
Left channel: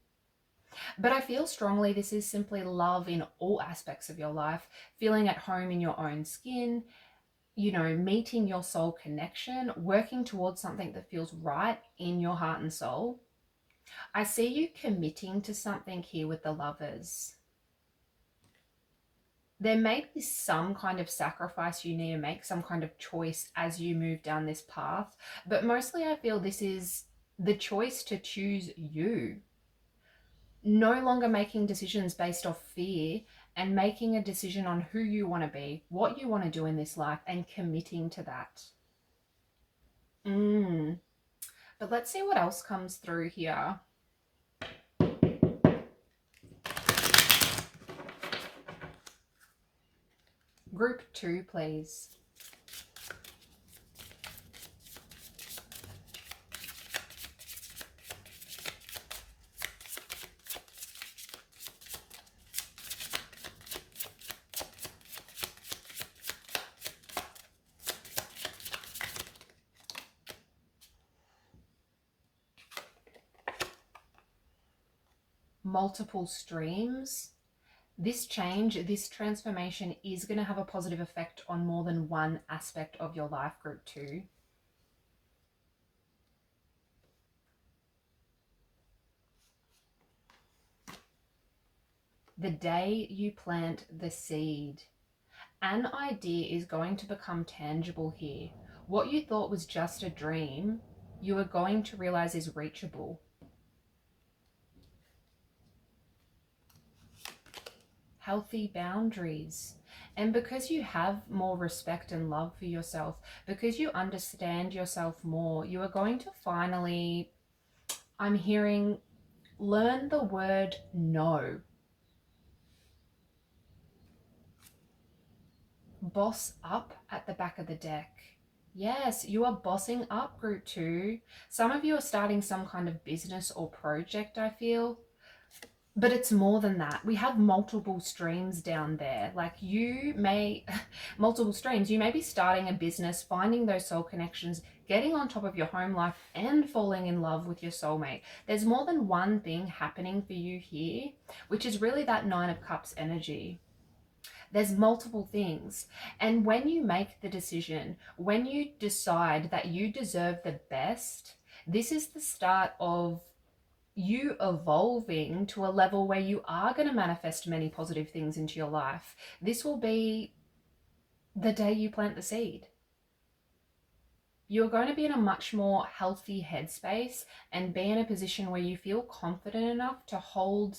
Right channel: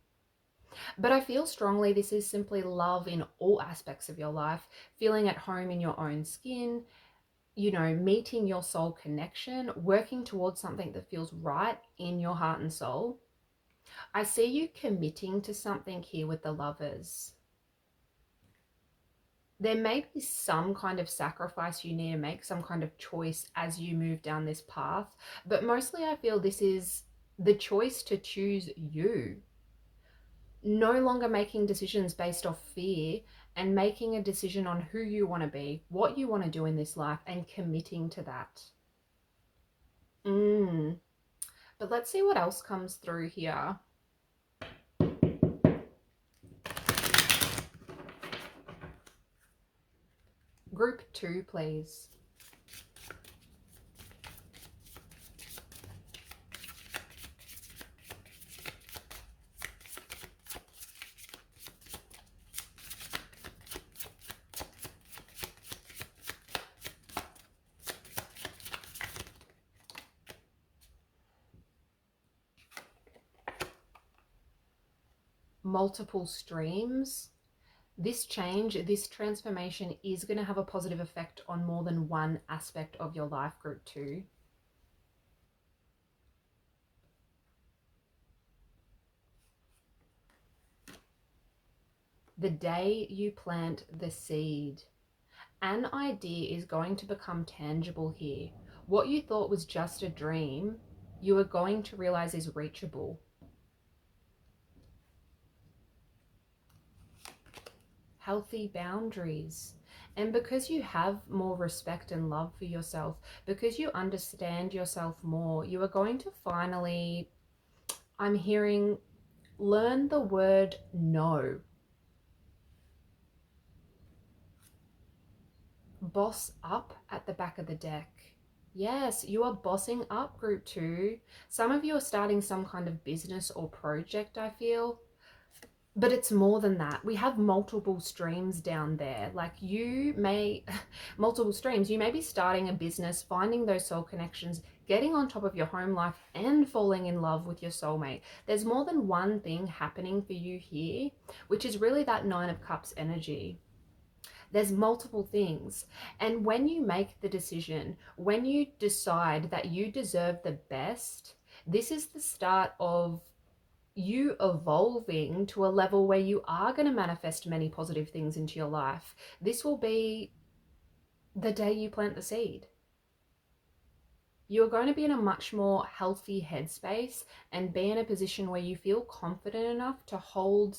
But I feel strongly this is simply love in all aspects of your life, feeling at home in your own skin, meeting your soul connection, working towards something that feels right in your heart and soul. I see you committing to something here with the Lovers. There may be some kind of sacrifice you need to make, some kind of choice as you move down this path, but mostly I feel this is the choice to choose you. No longer making decisions based off fear and making a decision on who you want to be, what you want to do in this life, and committing to that. But let's see what else comes through here. Group 2, please. Multiple streams. This change, this transformation is going to have a positive effect on more than one aspect of your life, group 2. The day you plant the seed, an idea is going to become tangible here. What you thought was just a dream, you are going to realize is reachable. Healthy boundaries. And because you have more respect and love for yourself, because you understand yourself more, you are going to finally, I'm hearing, learn the word no. Boss up at the back of the deck. Yes, you are bossing up, group 2. Some of you are starting some kind of business or project, I feel. But it's more than that. We have multiple streams down there. Like multiple streams. You may be starting a business, finding those soul connections, getting on top of your home life, and falling in love with your soulmate. There's more than one thing happening for you here, which is really that 9 of Cups energy. There's multiple things. And when you make the decision, when you decide that you deserve the best, this is the start of you evolving to a level where you are going to manifest many positive things into your life. This will be the day you plant the seed. You're going to be in a much more healthy headspace and be in a position where you feel confident enough to hold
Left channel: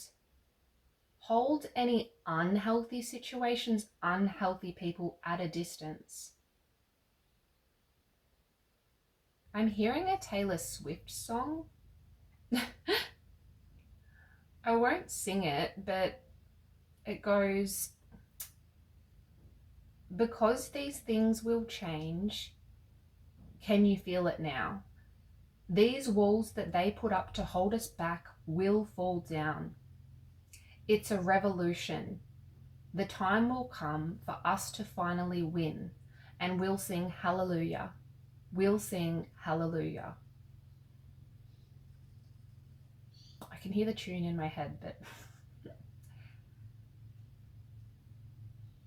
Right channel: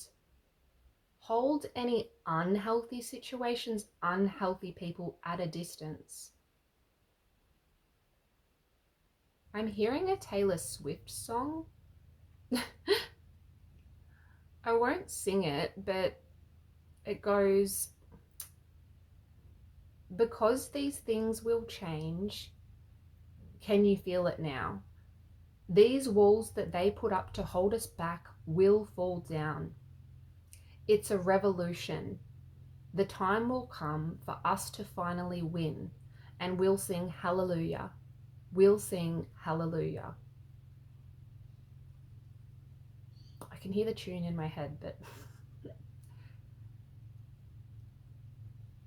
any unhealthy situations, unhealthy people at a distance. I'm hearing a Taylor Swift song. I won't sing it, but it goes, because these things will change, can you feel it now? These walls that they put up to hold us back will fall down. It's a revolution. The time will come for us to finally win, and we'll sing hallelujah. We'll sing hallelujah. I can hear the tune in my head, but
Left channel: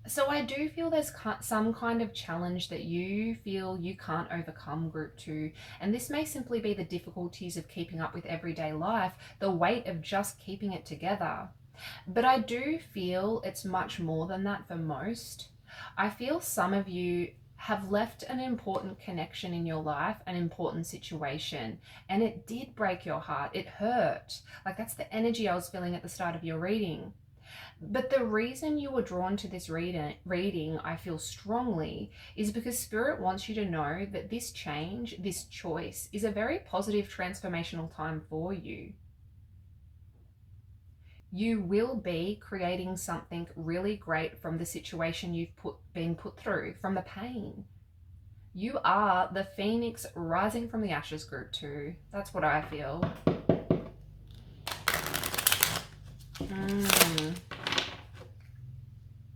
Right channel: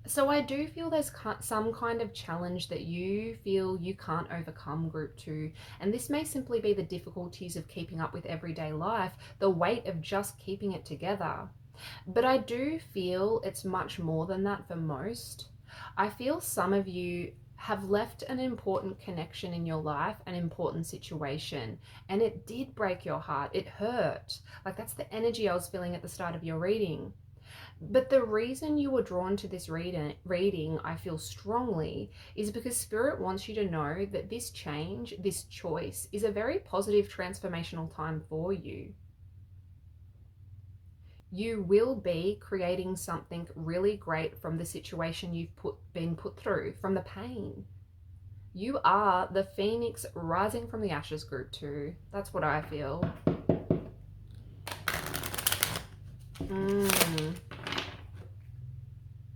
so I do feel there's some kind of challenge that you feel you can't overcome, group 2. And this may simply be the difficulties of keeping up with everyday life, the weight of just keeping it together. But I do feel it's much more than that for most. I feel some of you have left an important connection in your life, an important situation, and it did break your heart. It hurt. Like, that's the energy I was feeling at the start of your reading. But the reason you were drawn to this reading, I feel strongly, is because Spirit wants you to know that this change, this choice, is a very positive transformational time for you. You will be creating something really great from the situation you've been put through, from the pain. You are the phoenix rising from the ashes, group 2. That's what I feel.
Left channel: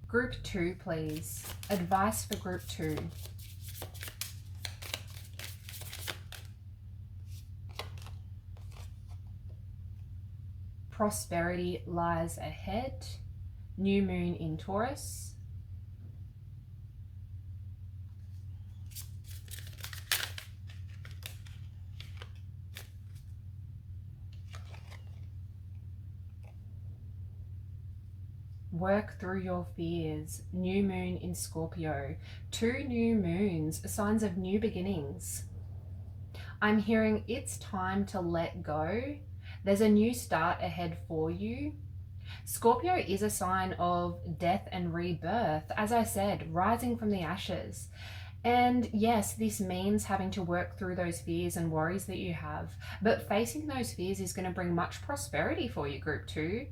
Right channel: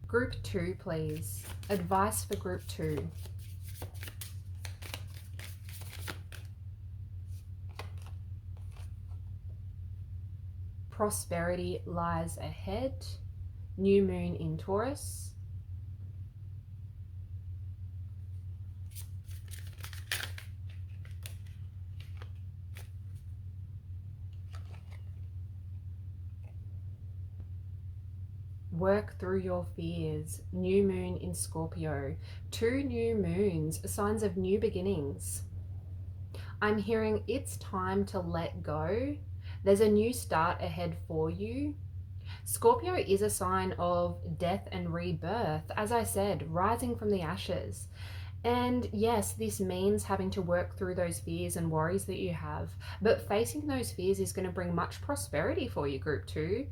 Group 2, please. Advice for group 2. Prosperity lies ahead. New moon in Taurus. Work through your fears. New moon in Scorpio. 2 new moons, signs of new beginnings. I'm hearing it's time to let go. There's a new start ahead for you. Scorpio is a sign of death and rebirth, as I said, rising from the ashes. And yes, this means having to work through those fears and worries that you have, but facing those fears is going to bring much prosperity for you, group 2.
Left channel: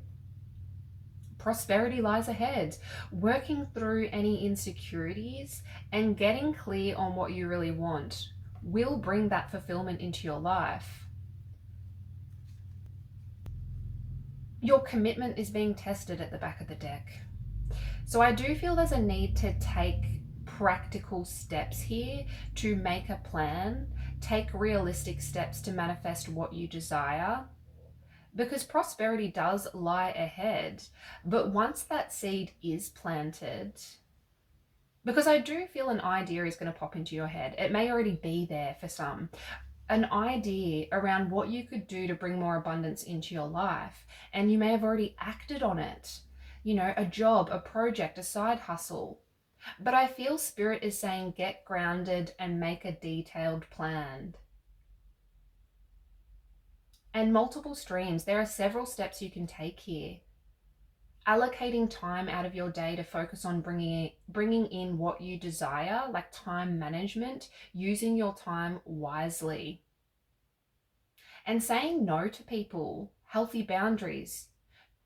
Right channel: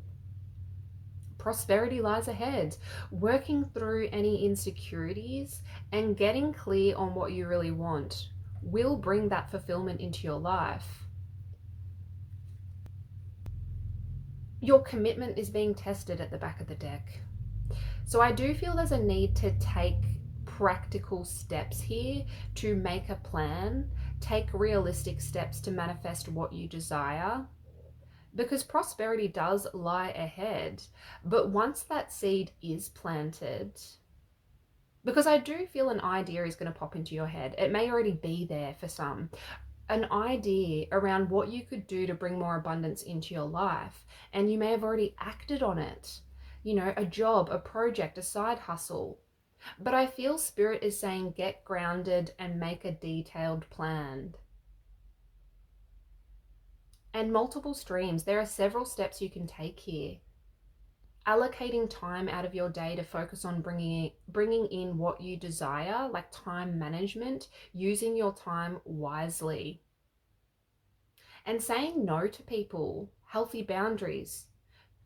Prosperity lies ahead. Working through any insecurities and getting clear on what you really want will bring that fulfillment into your life. Your commitment is being tested at the back of the deck. So I do feel there's a need to take practical steps here to make a plan, take realistic steps to manifest what you desire, because prosperity does lie ahead. But once that seed is planted, because I do feel an idea is going to pop into your head. It may already be there for some. An idea around what you could do to bring more abundance into your life. And you may have already acted on it. You know, a job, a project, a side hustle. But I feel Spirit is saying get grounded and make a detailed plan. And multiple streams. There are several steps you can take here. Allocating time out of your day to focus on bringing in what you desire, like time management, using your time wisely. And saying no to people, healthy boundaries.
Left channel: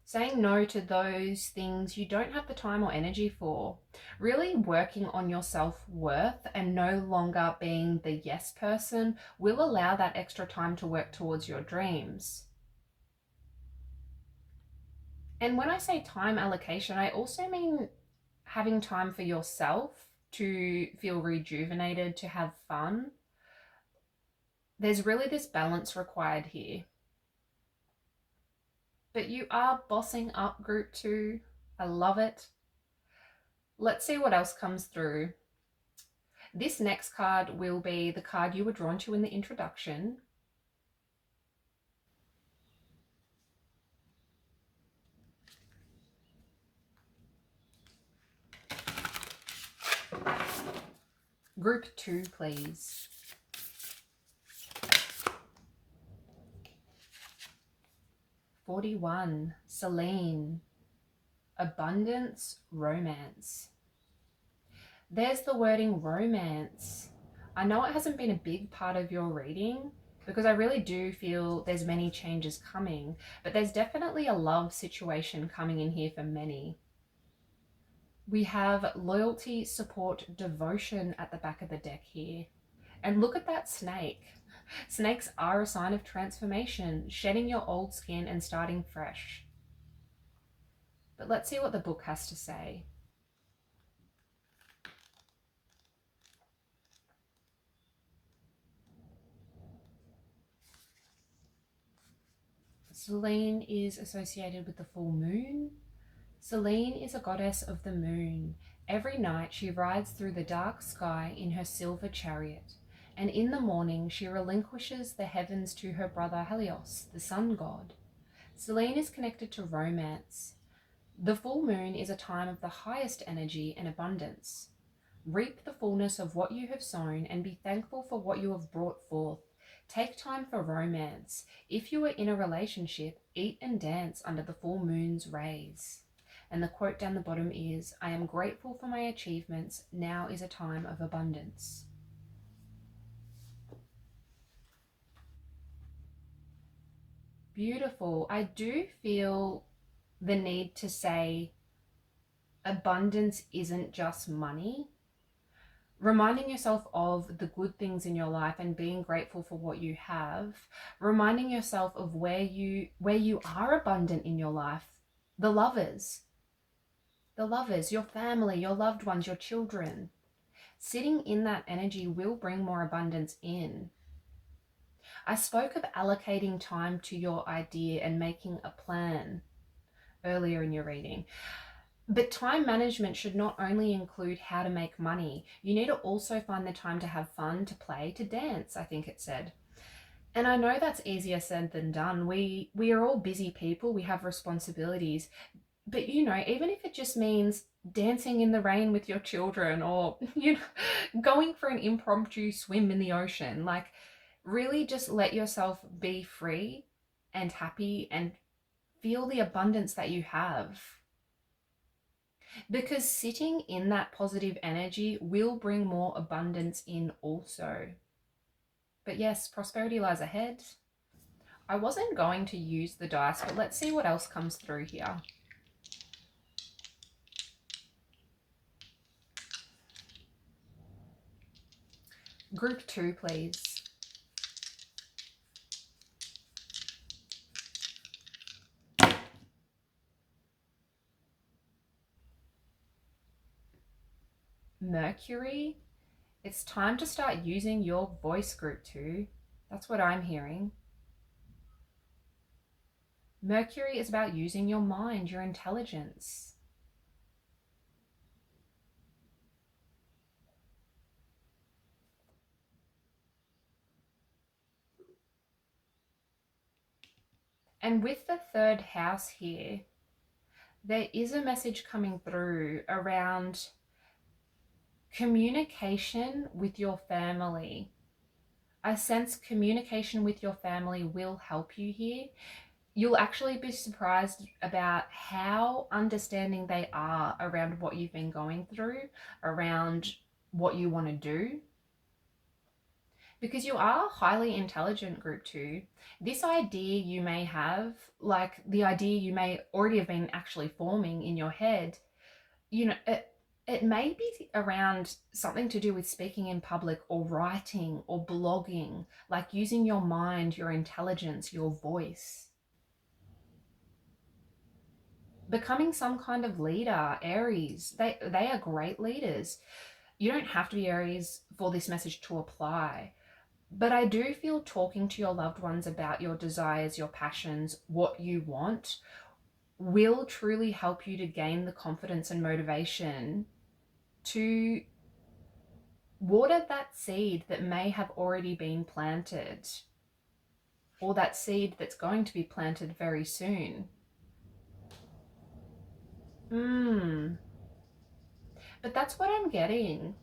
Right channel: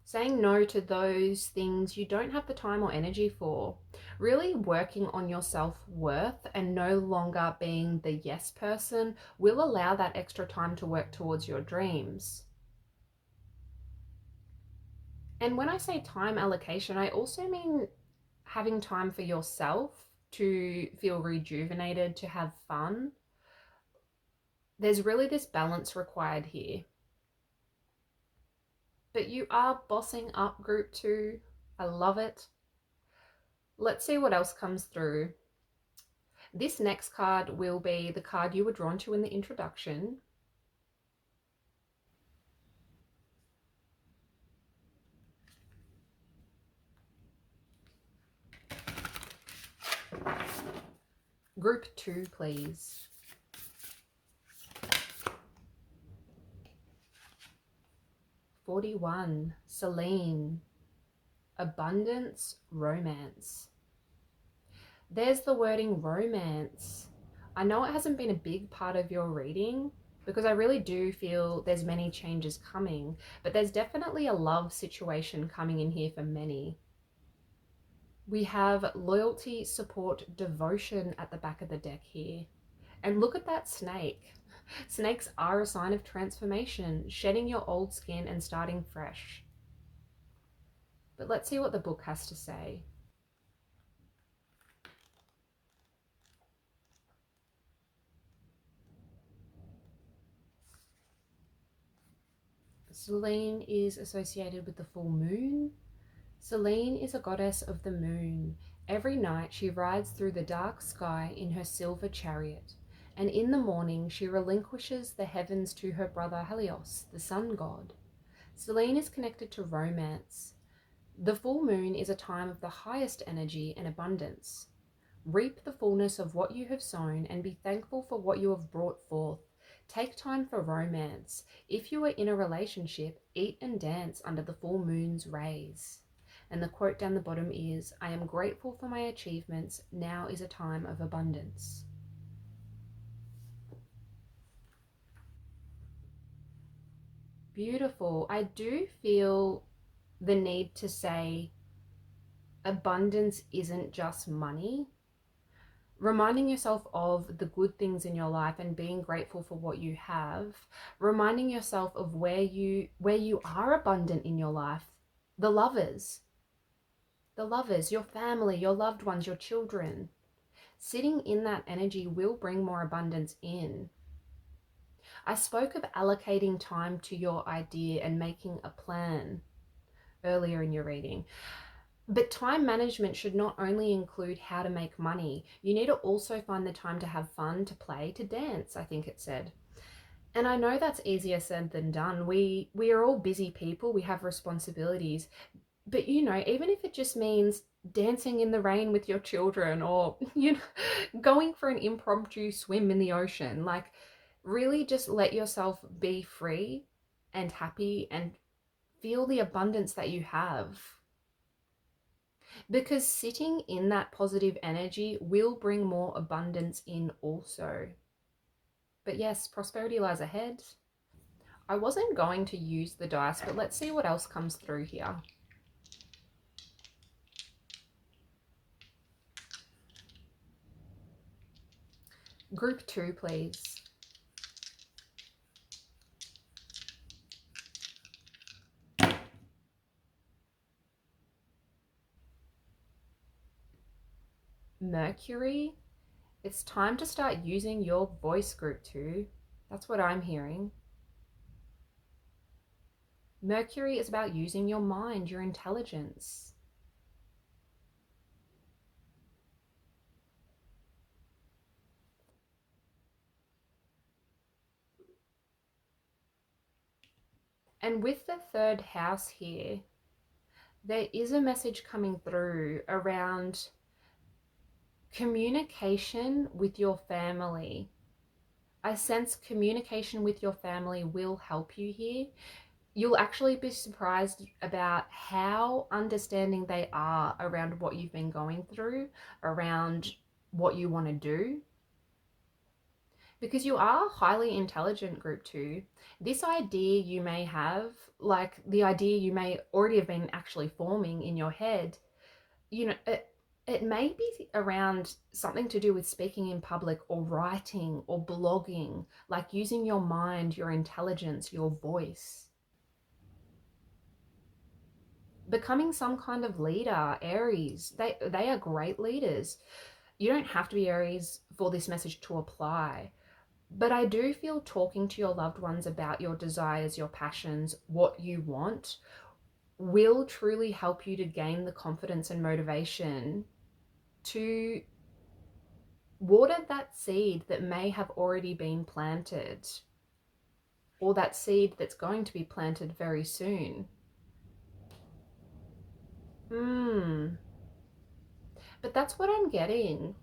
Saying no to those things you don't have the time or energy for. Really working on your self-worth and no longer being the yes person will allow that extra time to work towards your dreams. And when I say time allocation, I also mean having time for yourself to feel rejuvenated, to have fun. There's really this balance required here. But you are bossing up, group 2. I love it. Let's see what else comes through. This next card will be the card you were drawn to in the introduction. Group 2, please. $41, Celine. Abundance, romance. There's the wording romance. I know it hasn't been a big part of your reading because I really do feel there's many changes coming, but there's definitely a love situation coming in here for many. We have loyalty, support, devotion at the back of the deck here. And look at that snake. Snakes are a sign of transformation, shedding your old skin and starting fresh. But but let's see what the book has to say. Selene is associated with the full moon. Selene is a goddess of the moon. Every night she rides through the dark sky in her silver chariot, and in the morning she relinquishes the heavens to her brother Helios, the sun god. Selene is connected to romance. The full moon is a time of the highest energy and abundance. Reap the fullness of what you have sown and be thankful for what you have brought forth. Take time for romance. If you are in a relationship, eat and dance under the full moon's rays. And the quote down the bottom is, I am grateful for my achievements. Now is a time of abundance. Beautiful. I do feel the need to say abundance isn't just money. Reminding yourself of the good things in your life and being grateful for what you have. Reminding yourself of where you are abundant in your life. The lovers, your family, your loved ones, your children. Sitting in that energy will bring more abundance in. I spoke of allocating time to your idea and making a plan earlier in your reading. But time management should not only include how to make money. You need to also find the time to have fun, to play, to dance, I think it said. And I know that's easier said than done. We are all busy people. We have responsibilities. But, even if it just means dancing in the rain with your children or, going for an impromptu swim in the ocean, like really just let yourself be free and happy and feel the abundance that you have. Because sitting in that positive energy will bring more abundance in also. But yes, prosperity lies ahead. I wasn't going to use the dice, but let's see what else comes through here. Group 2, please. Mercury. It's time to start using your voice, Group 2. That's what I'm hearing. Mercury is about using your mind, your intelligence. And with the third house here, there is a message coming through around communication with your family. I sense communication with your family will help you here. You'll actually be surprised about how understanding they are around what you've been going through, around what you want to do. Because you are highly intelligent, Group 2. This idea you may have, like the idea you may already have been actually forming in your head, it may be around something to do with speaking in public or writing or blogging, like using your mind, your intelligence, your voice. Becoming some kind of leader, Aries. They are great leaders. You don't have to be Aries for this message to apply. But I do feel talking to your loved ones about your desires, your passions, what you want, will truly help you to gain the confidence and motivation to water that seed that may have already been planted, or that seed that's going to be planted very soon. But that's what I'm getting.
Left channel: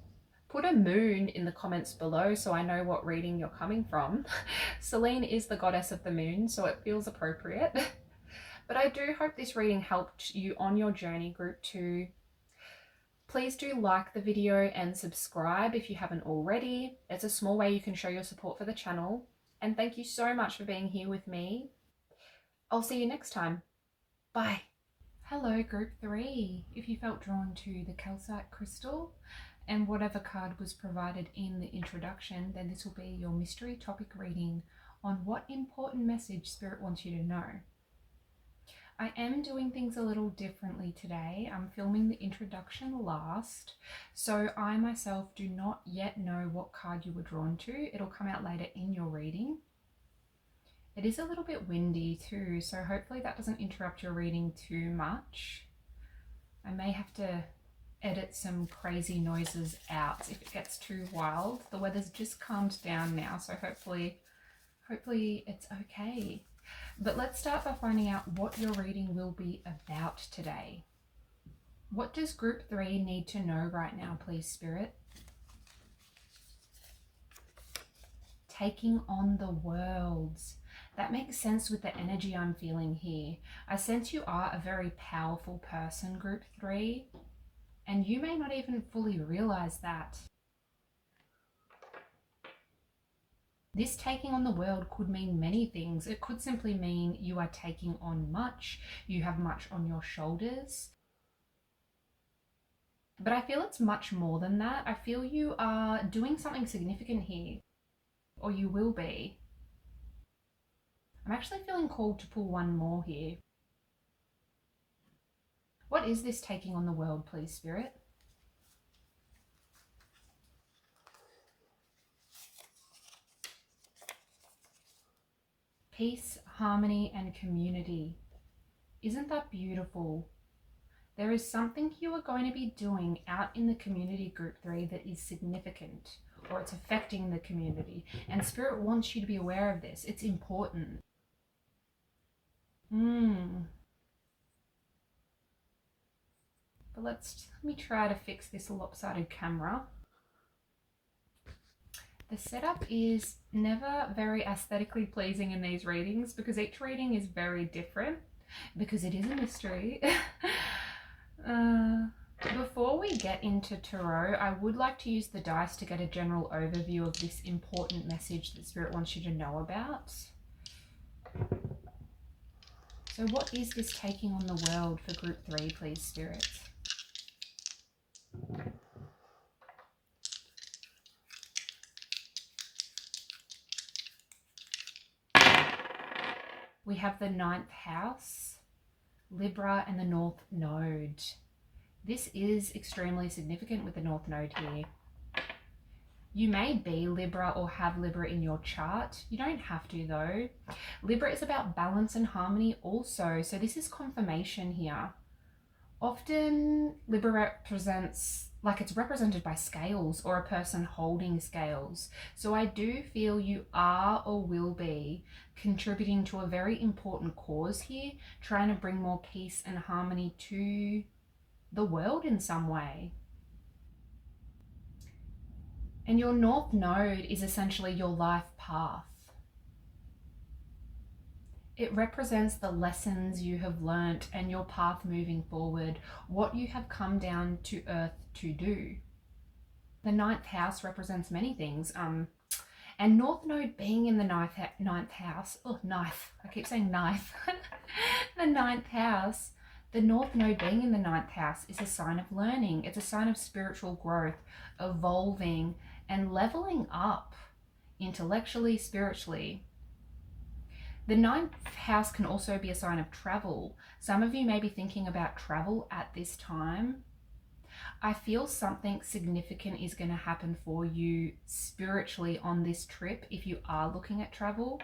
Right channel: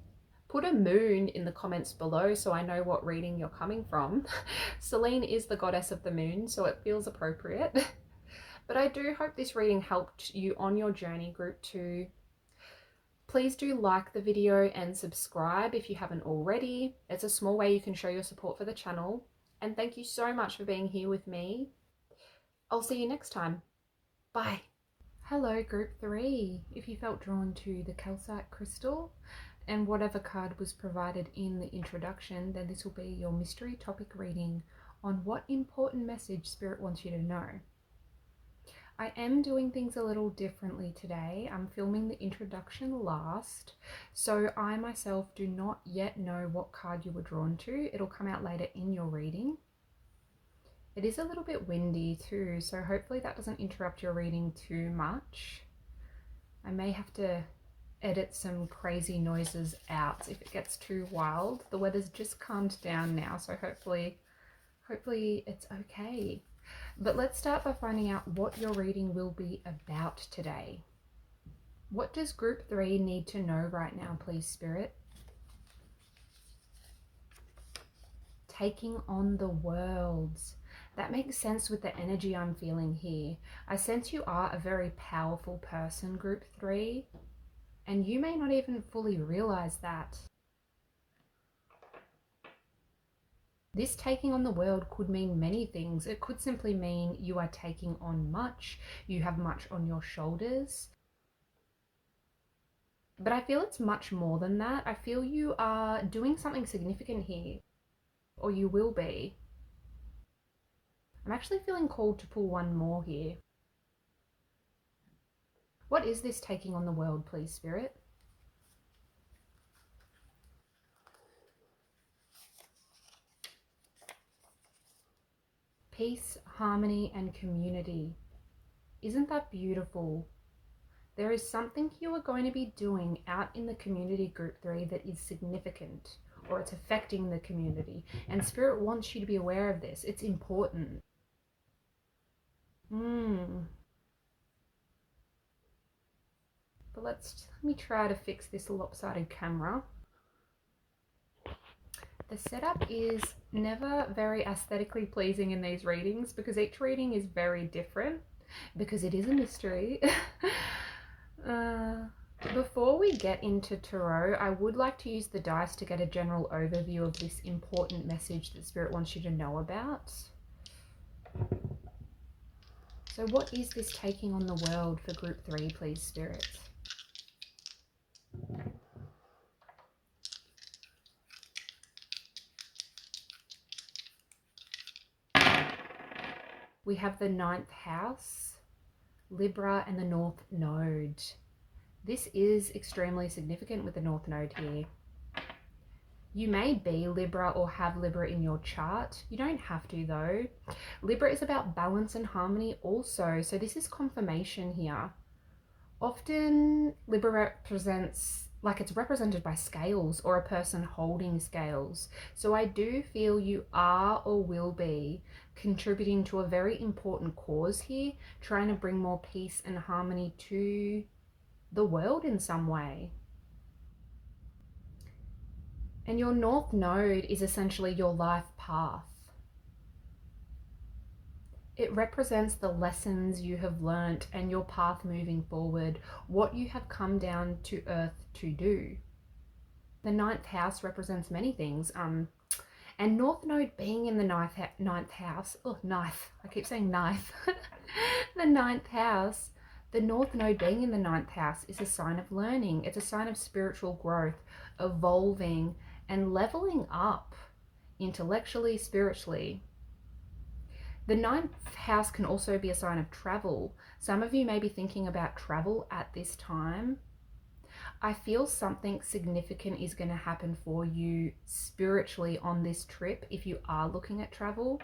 Put a moon in the comments below so I know what reading you're coming from. Selene is the goddess of the moon, so it feels appropriate. But I do hope this reading helped you on your journey, Group 2. Please do like the video and subscribe if you haven't already. It's a small way you can show your support for the channel. And thank you so much for being here with me. I'll see you next time. Bye. Hello, Group 3. If you felt drawn to the calcite crystal and whatever card was provided in the introduction, then this will be your mystery topic reading on what important message Spirit wants you to know. I am doing things a little differently today. I'm filming the introduction last, so I myself do not yet know what card you were drawn to. It'll come out later in your reading. It is a little bit windy too, so hopefully that doesn't interrupt your reading too much. I may have to edit some crazy noises out if it gets too wild. The weather's just calmed down now, so hopefully it's okay. But let's start by finding out what your reading will be about today. What does group 3 need to know right now, please, Spirit? Taking on the worlds. That makes sense with the energy I'm feeling here. I sense you are a very powerful person, group 3, and you may not even fully realize that. This taking on the world could mean many things. It could simply mean you are taking on much, you have much on your shoulders. But I feel it's much more than that. I feel you are doing something significant here, or you will be. I'm actually feeling called to pull one more here. What is this taking on the world, please, Spirit? Peace, harmony, and community. Isn't that beautiful? There is something you are going to be doing out in the community, group 3, that is significant, or it's affecting the community. And Spirit wants you to be aware of this. It's important. But let me try to fix this lopsided camera. The setup is never very aesthetically pleasing in these readings because each reading is very different because it is a mystery. Before we get into tarot, I would like to use the dice to get a general overview of this important message that Spirit wants you to know about. So what is this taking on the world for group 3, please, Spirit? We have the 9th house, Libra, and the North Node. This is extremely significant with the North Node here. You may be Libra or have Libra in your chart. You don't have to though. Libra is about balance and harmony also, so this is confirmation here. Often Libra represents, like it's represented by scales or a person holding scales. So I do feel you are or will be contributing to a very important cause here, trying to bring more peace and harmony to the world in some way. And your North Node is essentially your life path. It represents the lessons you have learnt and your path moving forward, what you have come down to earth to do. The 9th house represents many things. And North Node being in the ninth house, I keep saying knife. The 9th house, the North Node being in the 9th house is a sign of learning. It's a sign of spiritual growth, evolving, and leveling up intellectually, spiritually. The 9th house can also be a sign of travel. Some of you may be thinking about travel at this time. I feel something significant is going to happen for you spiritually on this trip if you are looking at travel.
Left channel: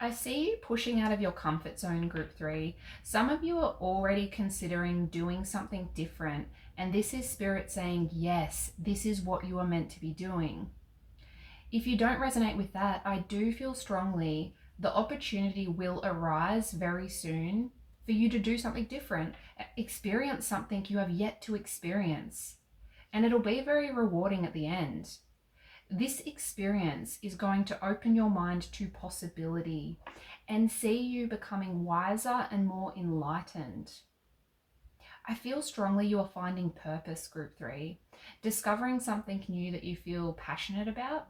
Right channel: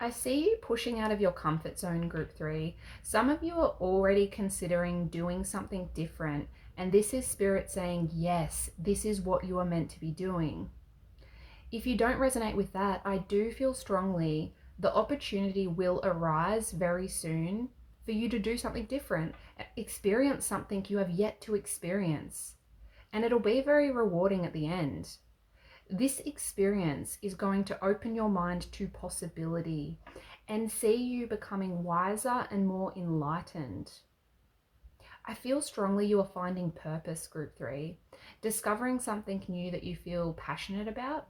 I see you pushing out of your comfort zone, group 3. Some of you are already considering doing something different, and this is Spirit saying, yes, this is what you are meant to be doing. If you don't resonate with that, I do feel strongly the opportunity will arise very soon for you to do something different, experience something you have yet to experience, and it'll be very rewarding at the end. This experience is going to open your mind to possibility and see you becoming wiser and more enlightened. I feel strongly you are finding purpose, group 3, discovering something new that you feel passionate about.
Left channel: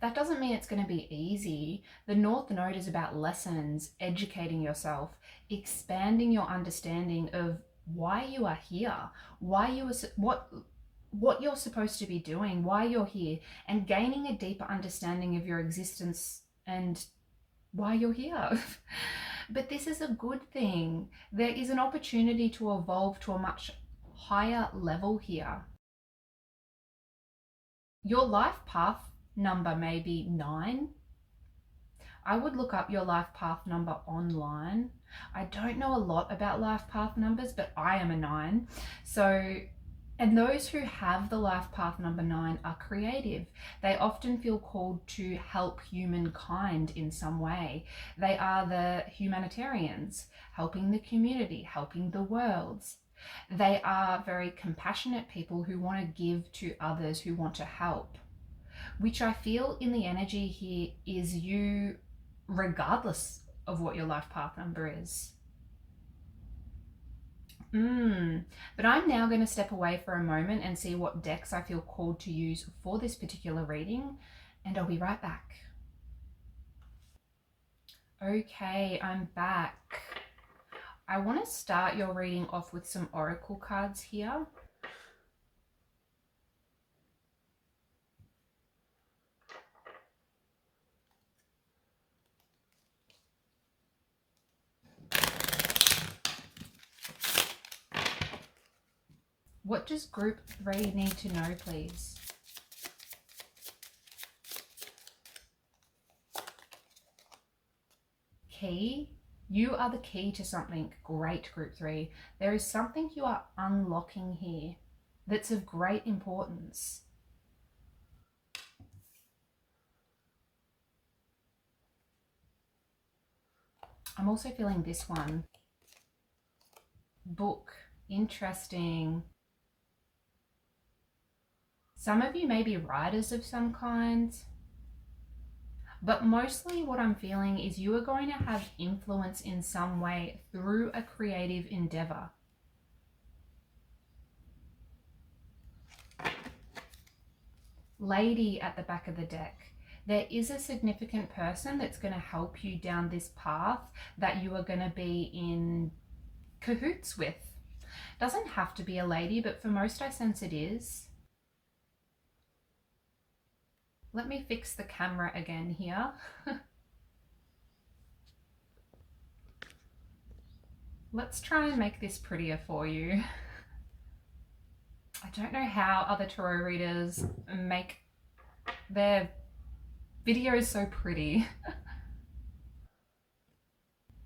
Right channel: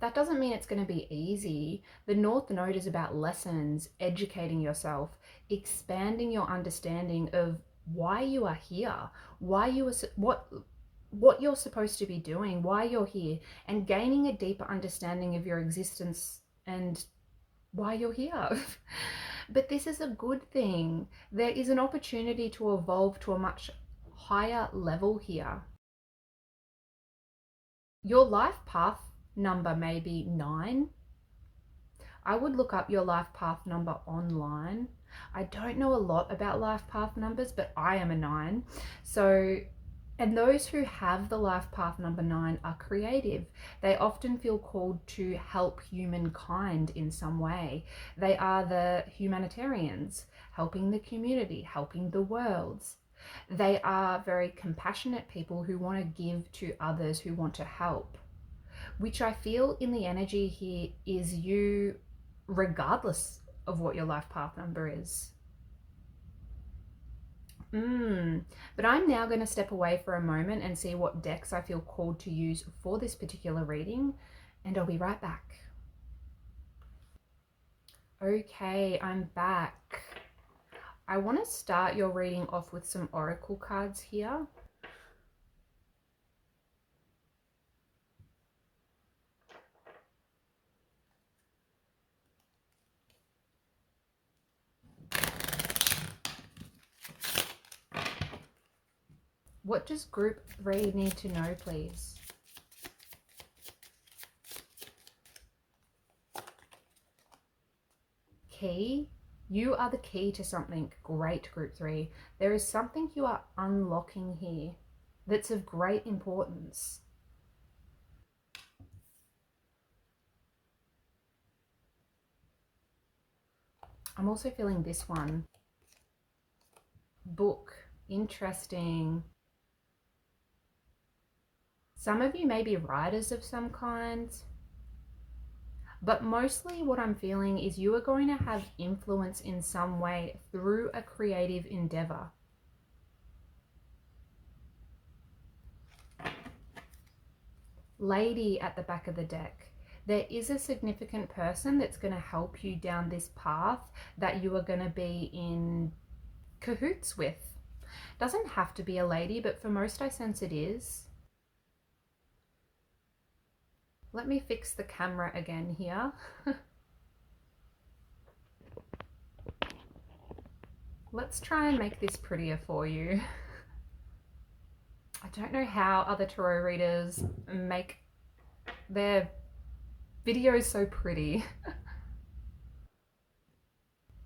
That doesn't mean it's going to be easy. The North Node is about lessons, educating yourself, expanding your understanding of why you are here, why you are, what you're supposed to be doing, why you're here, and gaining a deeper understanding of your existence and why you're here. But this is a good thing. There is an opportunity to evolve to a much higher level here. Your life path number may be 9. I would look up your life path number online. I don't know a lot about life path numbers, but I am a 9. So, and those who have the life path number 9 are creative. They often feel called to help humankind in some way. They are the humanitarians, helping the community, helping the world. They are very compassionate people who want to give to others, who want to help, which I feel in the energy here is you, regardless of what your life path number is. But I'm now going to step away for a moment and see what decks I feel called to use for this particular reading, and I'll be right back. Okay, I'm back. I want to start your reading off with some oracle cards here. What does group 3 need to know, please? Key. You are the key to something great, group 3. There is something you are unlocking here that's of great importance. I'm also feeling this one. Book. Interesting. Some of you may be writers of some kind, but mostly what I'm feeling is you are going to have influence in some way through a creative endeavor. Lady at the back of the deck. There is a significant person that's going to help you down this path that you are going to be in cahoots with. Doesn't have to be a lady, but for most I sense it is. Let me fix the camera again here. Let's try and make this prettier for you. I don't know how other tarot readers make their videos so pretty.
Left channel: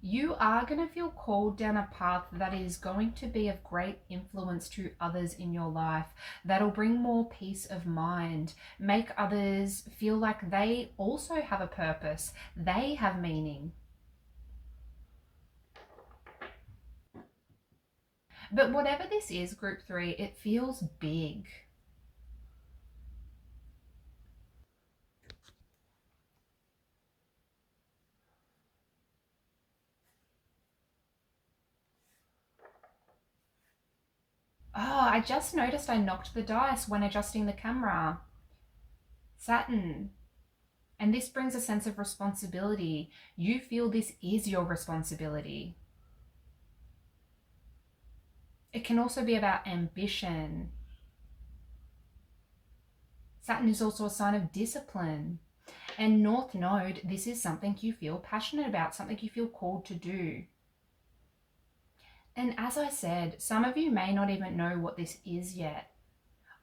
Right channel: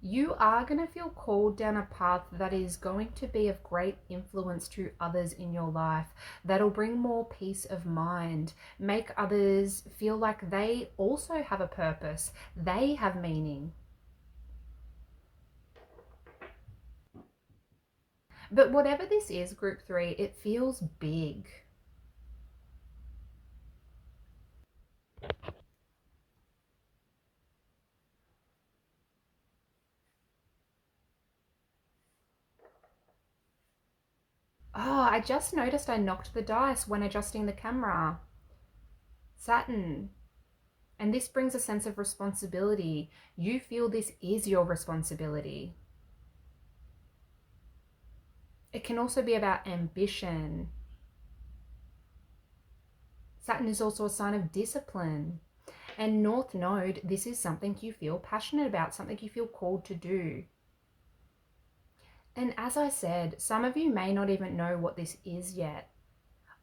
You are going to feel called down a path that is going to be of great influence to others in your life, that'll bring more peace of mind, make others feel like they also have a purpose, they have meaning. But whatever this is, group 3, it feels big. Oh, I just noticed I knocked the dice when adjusting the camera. Saturn. And this brings a sense of responsibility. You feel this is your responsibility. It can also be about ambition. Saturn is also a sign of discipline. And North Node, this is something you feel passionate about, something you feel called to do. And as I said, some of you may not even know what this is yet.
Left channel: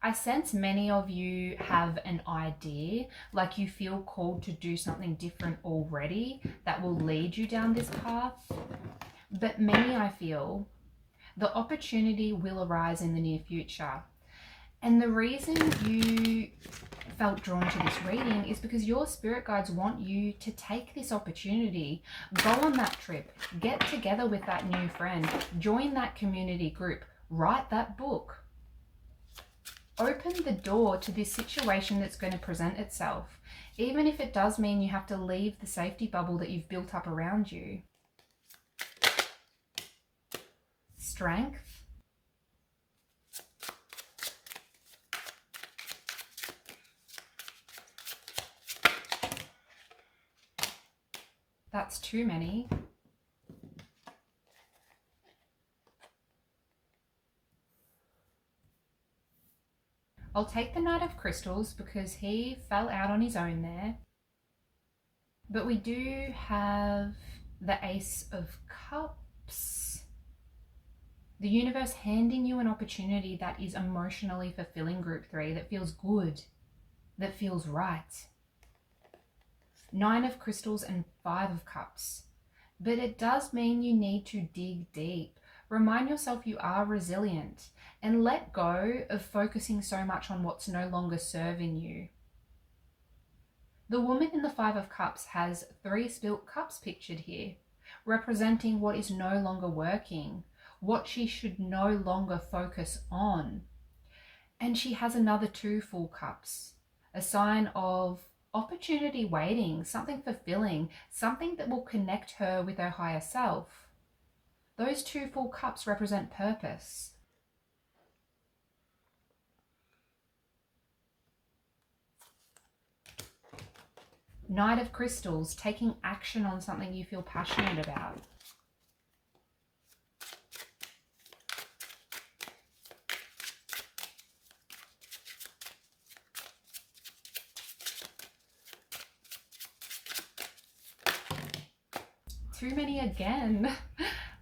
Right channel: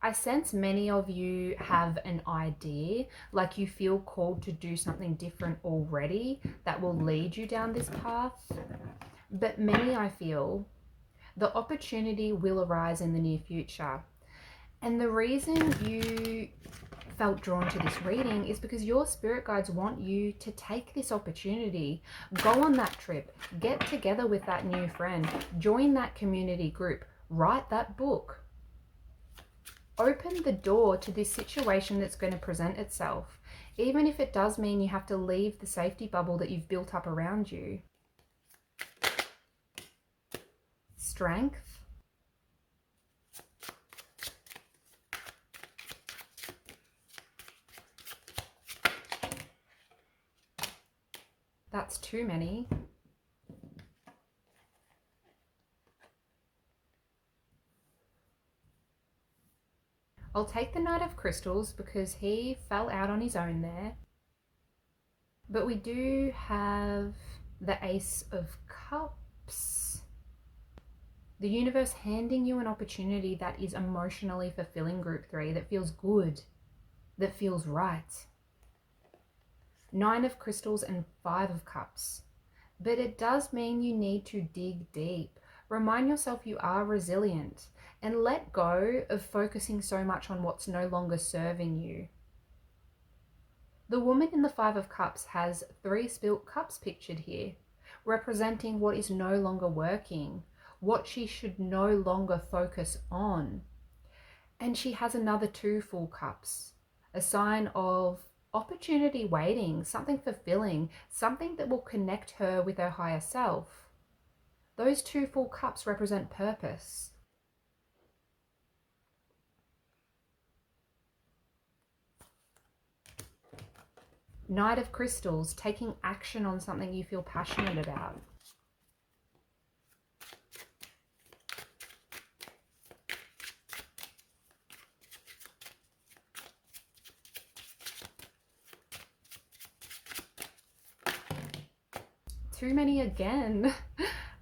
I sense many of you have an idea, like you feel called to do something different already that will lead you down this path. But many, I feel, the opportunity will arise in the near future. And the reason you felt drawn to this reading is because your spirit guides want you to take this opportunity, go on that trip, get together with that new friend, join that community group, write that book. Open the door to this situation that's going to present itself, even if it does mean you have to leave the safety bubble that you've built up around you. Strength. That's too many. I'll take the Knight of Crystals because he fell out on his own there. But we do have the Ace of Cups. The universe handing you an opportunity that is emotionally fulfilling, group 3, that feels good, that feels right. 9 of Crystals and 5 of Cups. But it does mean you need to dig deep. Remind yourself you are resilient and let go of focusing so much on what's no longer serving you. The woman in the 5 of Cups has 3 spilt cups pictured here, representing what is no longer working, what she should no longer focus on. And she has another 2 full cups, a sign of opportunity waiting, something fulfilling, something that will connect her with her higher self. Those 2 full cups represent purpose. Knight of Crystals, taking action on something you feel passionate about. Too many again.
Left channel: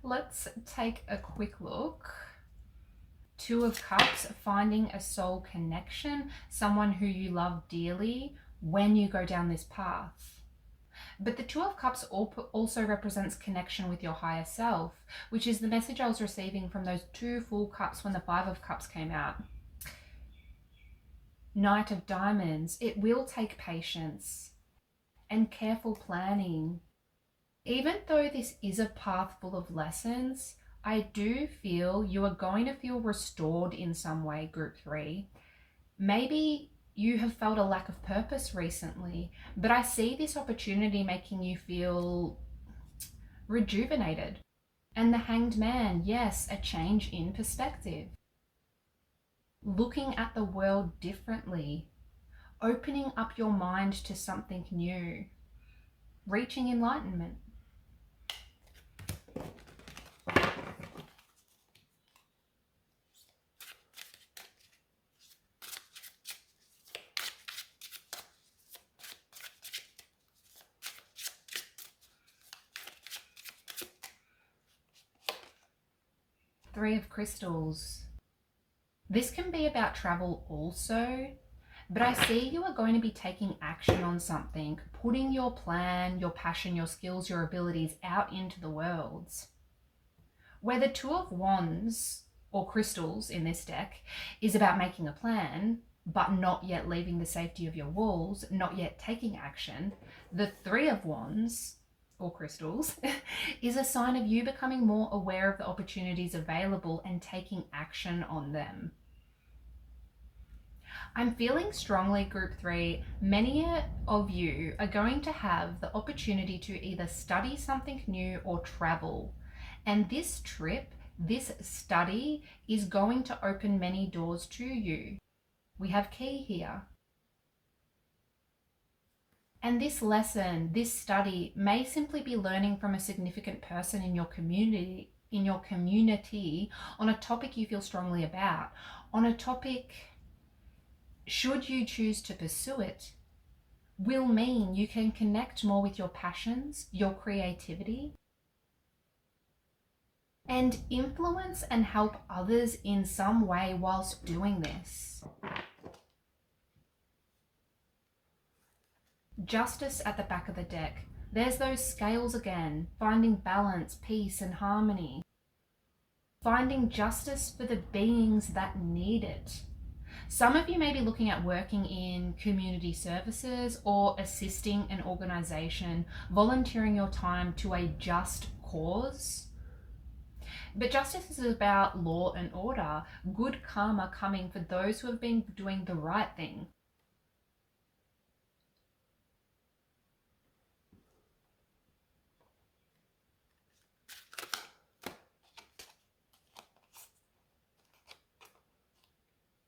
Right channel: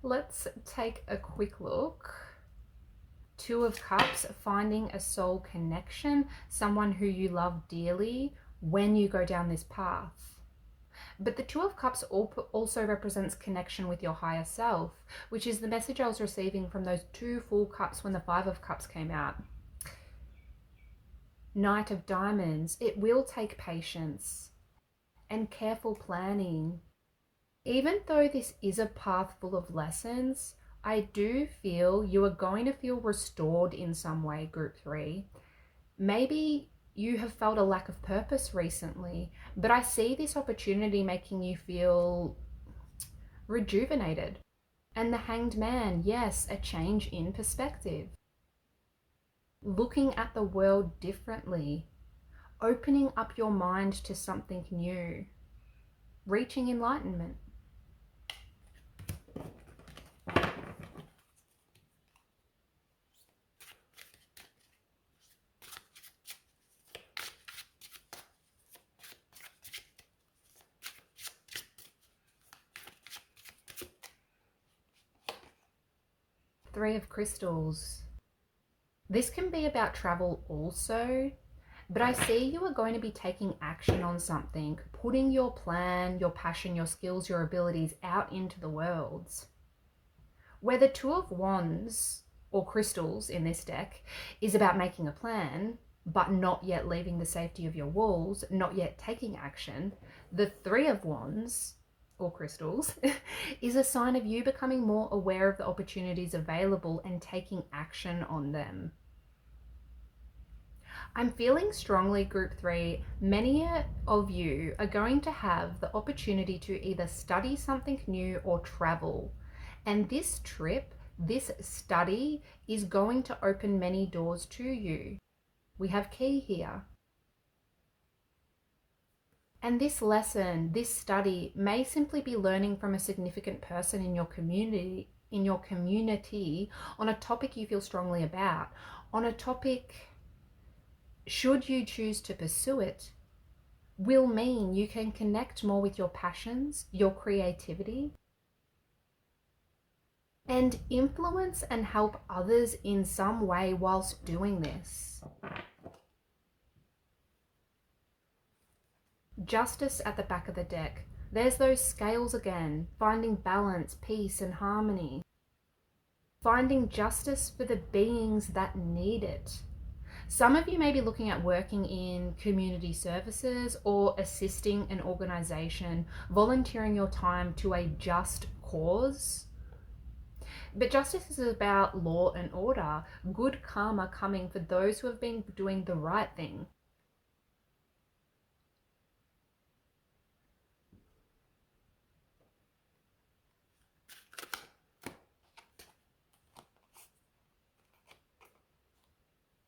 Let's take a quick look. 2 of Cups, finding a soul connection, someone who you love dearly when you go down this path. But the 2 of Cups also represents connection with your higher self, which is the message I was receiving from those 2 full cups when the 5 of Cups came out. Knight of Diamonds, it will take patience and careful planning. Even though this is a path full of lessons, I do feel you are going to feel restored in some way, group 3. Maybe you have felt a lack of purpose recently, but I see this opportunity making you feel rejuvenated. And the Hanged Man, yes, a change in perspective. Looking at the world differently, opening up your mind to something new, reaching enlightenment. Three of Crystals. This can be about travel also, but I see you are going to be taking action on something, putting your plan, your passion, your skills, your abilities out into the world. Where the 2 of Wands, or crystals in this deck, is about making a plan, but not yet leaving the safety of your walls, not yet taking action. The 3 of Wands, or crystals, is a sign of you becoming more aware of the opportunities available and taking action on them. I'm feeling strongly, group 3, many of you are going to have the opportunity to either study something new or travel. And this trip, this study, is going to open many doors to you. We have key here. And this lesson, this study, may simply be learning from a significant person in your community, on a topic you feel strongly about, on a topic, should you choose to pursue it, will mean you can connect more with your passions, your creativity, and influence and help others in some way whilst doing this. Justice at the back of the deck. There's those scales again, finding balance, peace, and harmony. Finding justice for the beings that need it. Some of you may be looking at working in community services or assisting an organisation, volunteering your time to a just cause. But justice is about law and order, good karma coming for those who have been doing the right thing.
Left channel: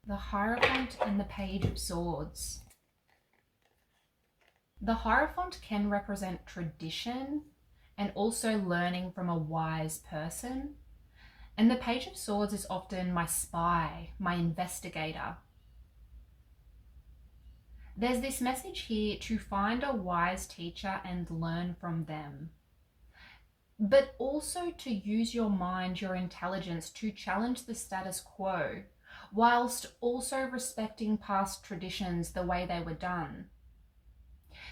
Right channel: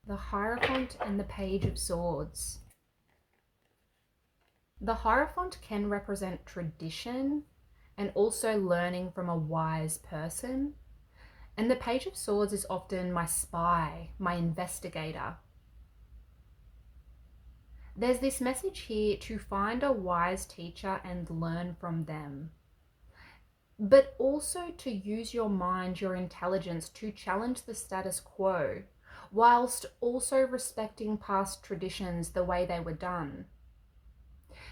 The Hierophant and the Page of Swords. The Hierophant can represent tradition and also learning from a wise person. And the Page of Swords is often my spy, my investigator. There's this message here to find a wise teacher and learn from them, but also to use your mind, your intelligence to challenge the status quo, whilst also respecting past traditions the way they were done.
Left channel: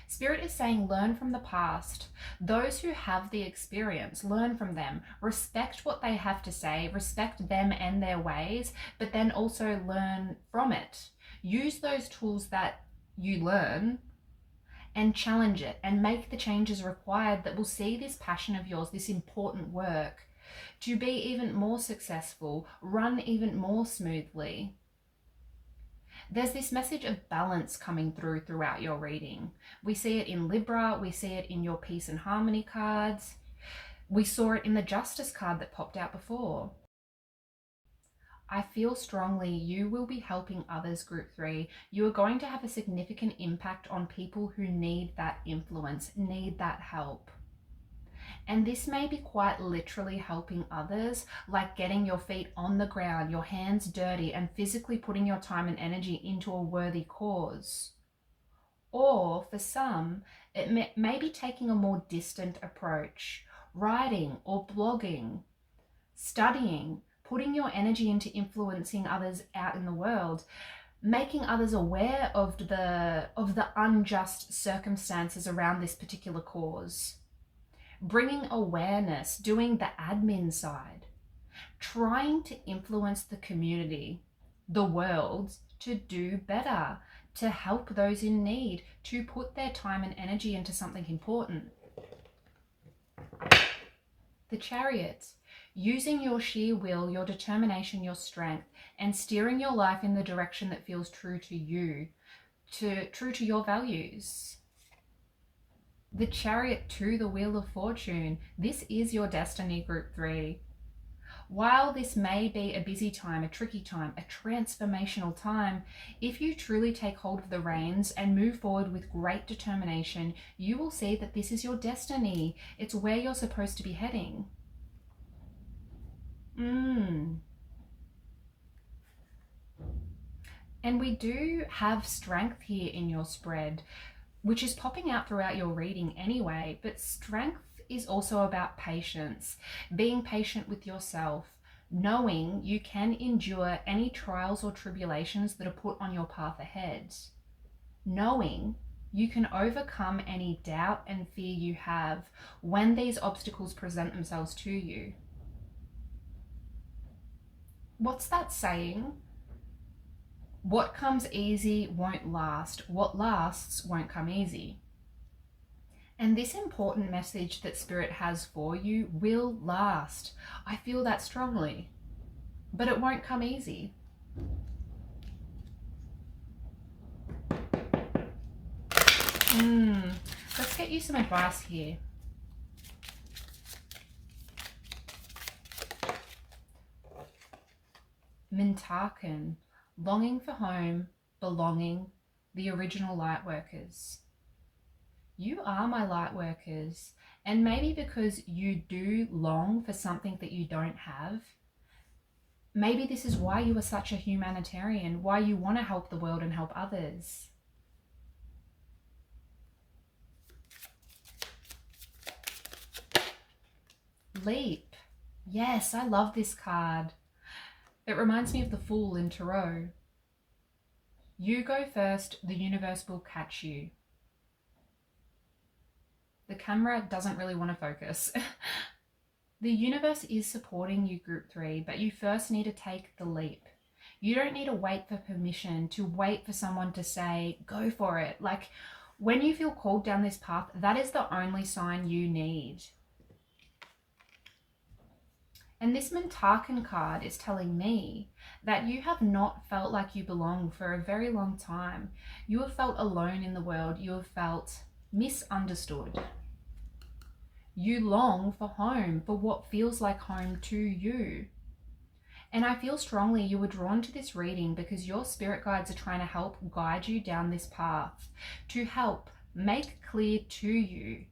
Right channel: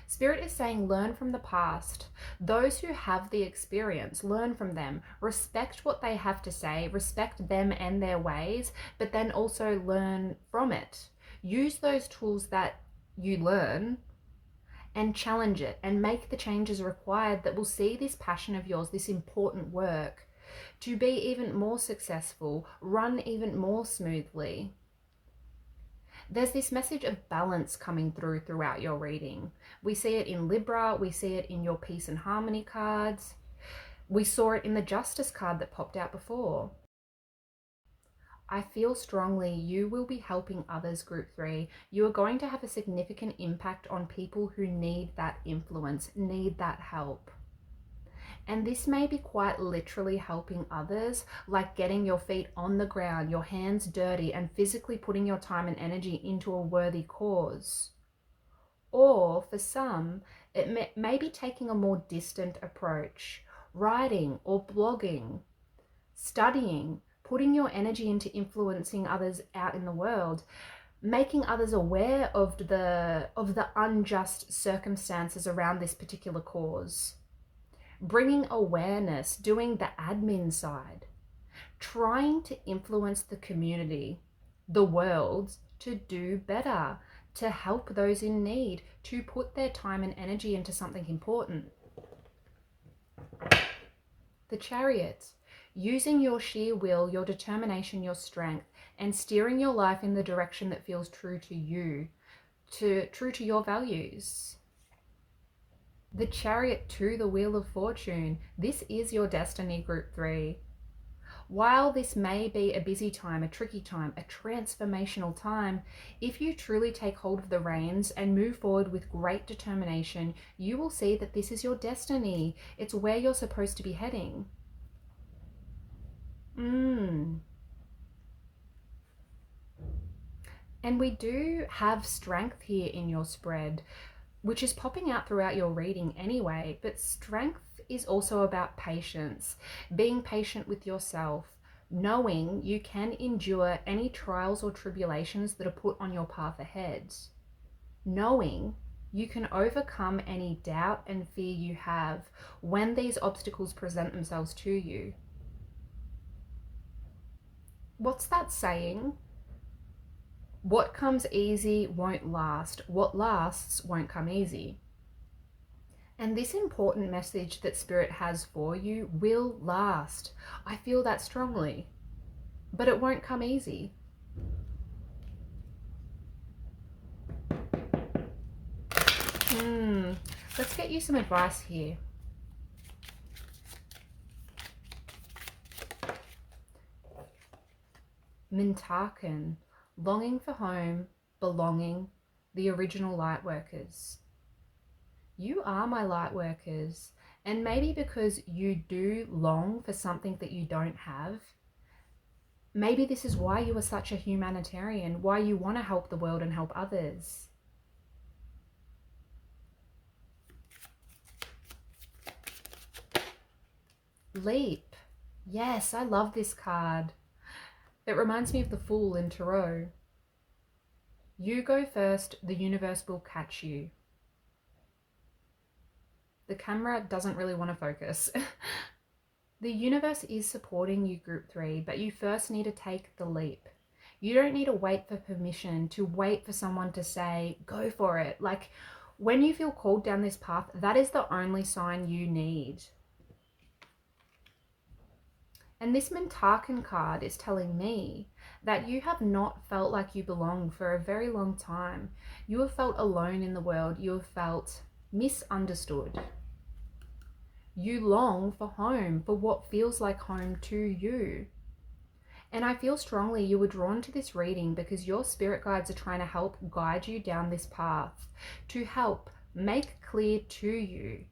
Spirit is saying learn from the past. Those who have the experience, learn from them. Respect what they have to say, respect them and their ways, but then also learn from it. Use those tools that you learn and challenge it and make the changes required that will see this passion of yours, this important work, to be even more successful, run even more smoothly. There's this message of balance coming throughout your reading. We see it in Libra, we see it in your peace and harmony cards. We saw it in the Justice card that popped out before. I feel strongly you will be helping others, Group 3. You are going to have a significant impact on people who need that influence, need that help. And this may be quite literally helping others, like getting your feet on the ground, your hands dirty, and physically putting your time and energy into a worthy cause. Or for some, it may be taking a more distant approach, writing or blogging, studying, putting your energy into influencing others out in the world, making others aware of the unjust circumstances around this particular cause, bringing awareness, doing the admin side, trying to influence the community, the world, to do better, to help those in need, to put their time and energy into something important. The Chariot, using your sheer will, your determination, your strength, and steering your life in the direction that feels true to you, true to your values. The Chariot to the Wheel of Fortune. This is your destiny, Group 3. While this may be a busy time, a tricky time, a transformational time, if you truly take hold of the reins and move forward with great determination, you will see that this is your destiny. It's where you're supposed to be heading. And we do have strength here in your spread, which is popping out throughout your reading anyway, but strength is also about patience, being patient with yourself, knowing you can endure any trials or tribulations that are put on your path ahead, knowing you can overcome any doubt and fear you have when these obstacles present themselves to you. What's that saying? What comes easy won't last. What lasts won't come easy. And this important message that Spirit has for you will last. I feel that strongly. But it won't come easy. Let's get you some advice here. Mintaken, longing for home, belonging, the original light workers. You are my light workers, and maybe because you do long for something that you don't have, maybe this is why you are such a humanitarian, why you want to help the world and help others. Leap. Yes, I love this card. It reminds me of the Fool in Tarot. You go first, the universe will catch you. The camera doesn't really want to focus. The universe is supporting you, Group 3, but you first need to take the leap. You don't need to wait for permission, to wait for someone to say, go for it. Like, when you feel called down this path, that is the only sign you need. And this Mintaken card is telling me that you have not felt like you belong for a very long time. You have felt alone in the world. You have felt misunderstood. You long for home, for what feels like home to you. And I feel strongly you were drawn to this reading because your spirit guides are trying to help guide you down this path, to help make clear to you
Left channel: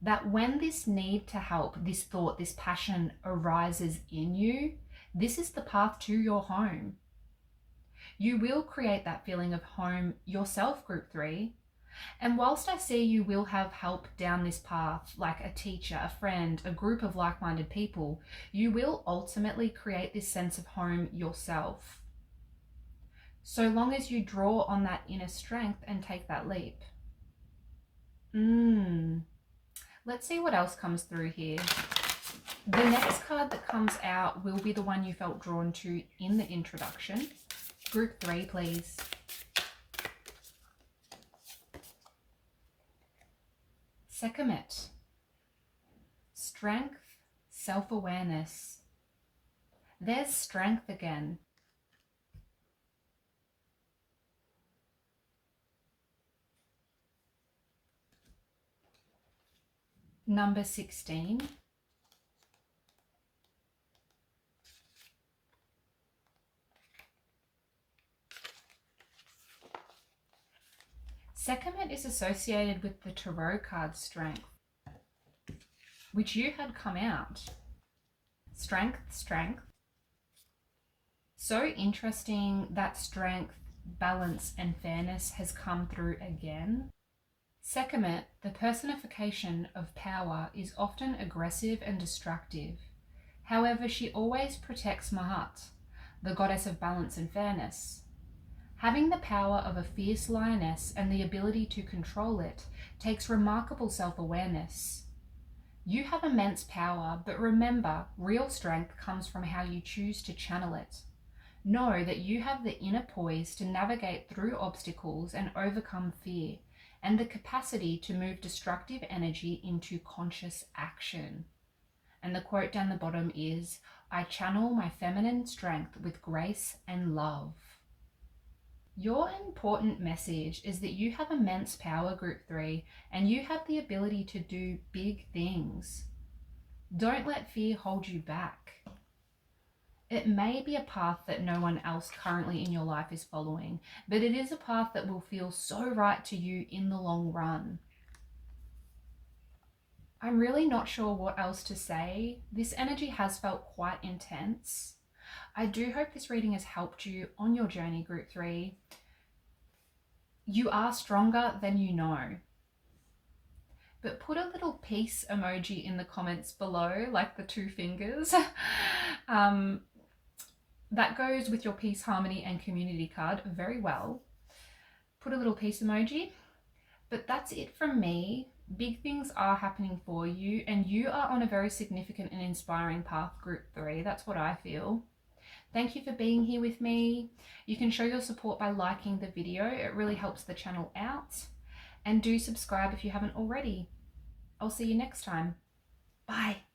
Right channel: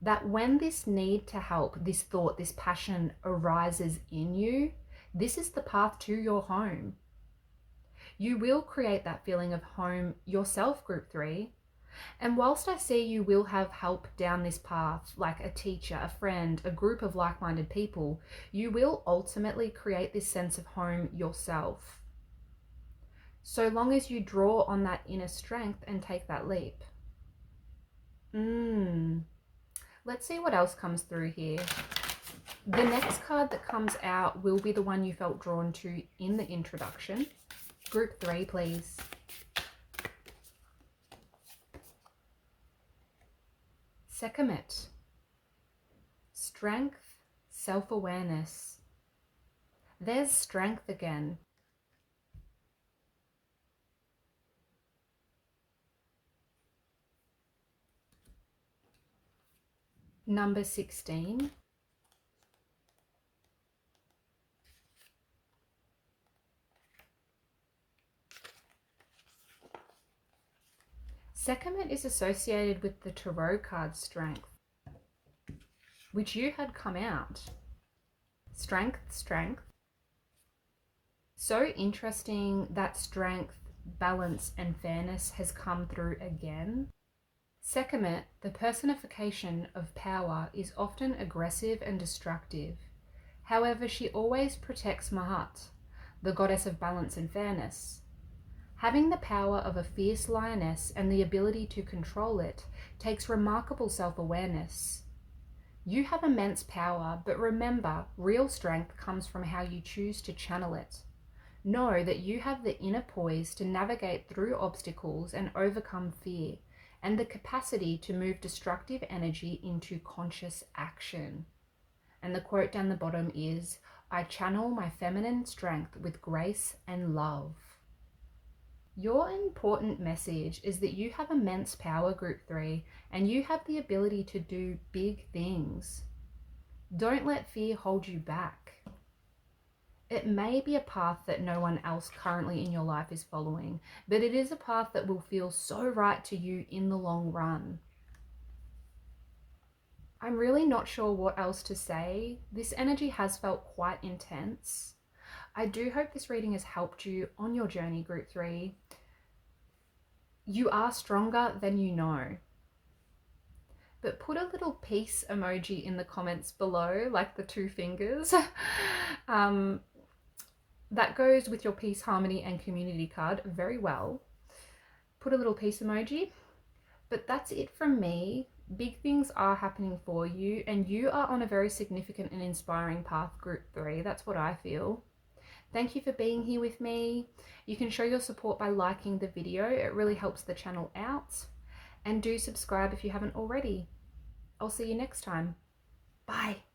that when this need to help, this thought, this passion arises in you, this is the path to your home. You will create that feeling of home yourself, group 3. And whilst I see you will have help down this path, like a teacher, a friend, a group of like-minded people, you will ultimately create this sense of home yourself. So long as you draw on that inner strength and take that leap. Let's see what else comes through here. The next card that comes out will be the one you felt drawn to in the introduction. Group 3, please. Sekhmet. Strength, self-awareness. There's strength again. Number 16. Sekhmet is associated with the Tarot card Strength, which you had come out. Strength, strength. So interesting that strength, balance, and fairness has come through again. Sekhmet, the personification of power, is often aggressive and destructive. However, she always protects Mahat, the goddess of balance and fairness. Having the power of a fierce lioness and the ability to control it takes remarkable self-awareness. You have immense power, but remember, real strength comes from how you choose to channel it. Know that you have the inner poise to navigate through obstacles and overcome fear, and the capacity to move destructive energy into conscious action. And the quote down the bottom is, "I channel my feminine strength with grace and love." Your important message is that you have immense power, group 3, and you have the ability to do big things. Don't let fear hold you back. It may be a path that no one else currently in your life is following, but it is a path that will feel so right to you in the long run. I'm really not sure what else to say. This energy has felt quite intense. I do hope this reading has helped you on your journey, group 3. You are stronger than you know. But put a little peace emoji in the comments below, like the 2 fingers. That goes with your peace, harmony, and community card very well. Put a little peace emoji. But that's it from me. Big things are happening for you, and you are on a very significant and inspiring path, group 3. That's what I feel. Thank you for being here with me. You can show your support by liking the video. It really helps the channel out. And do subscribe if you haven't already. I'll see you next time. Bye.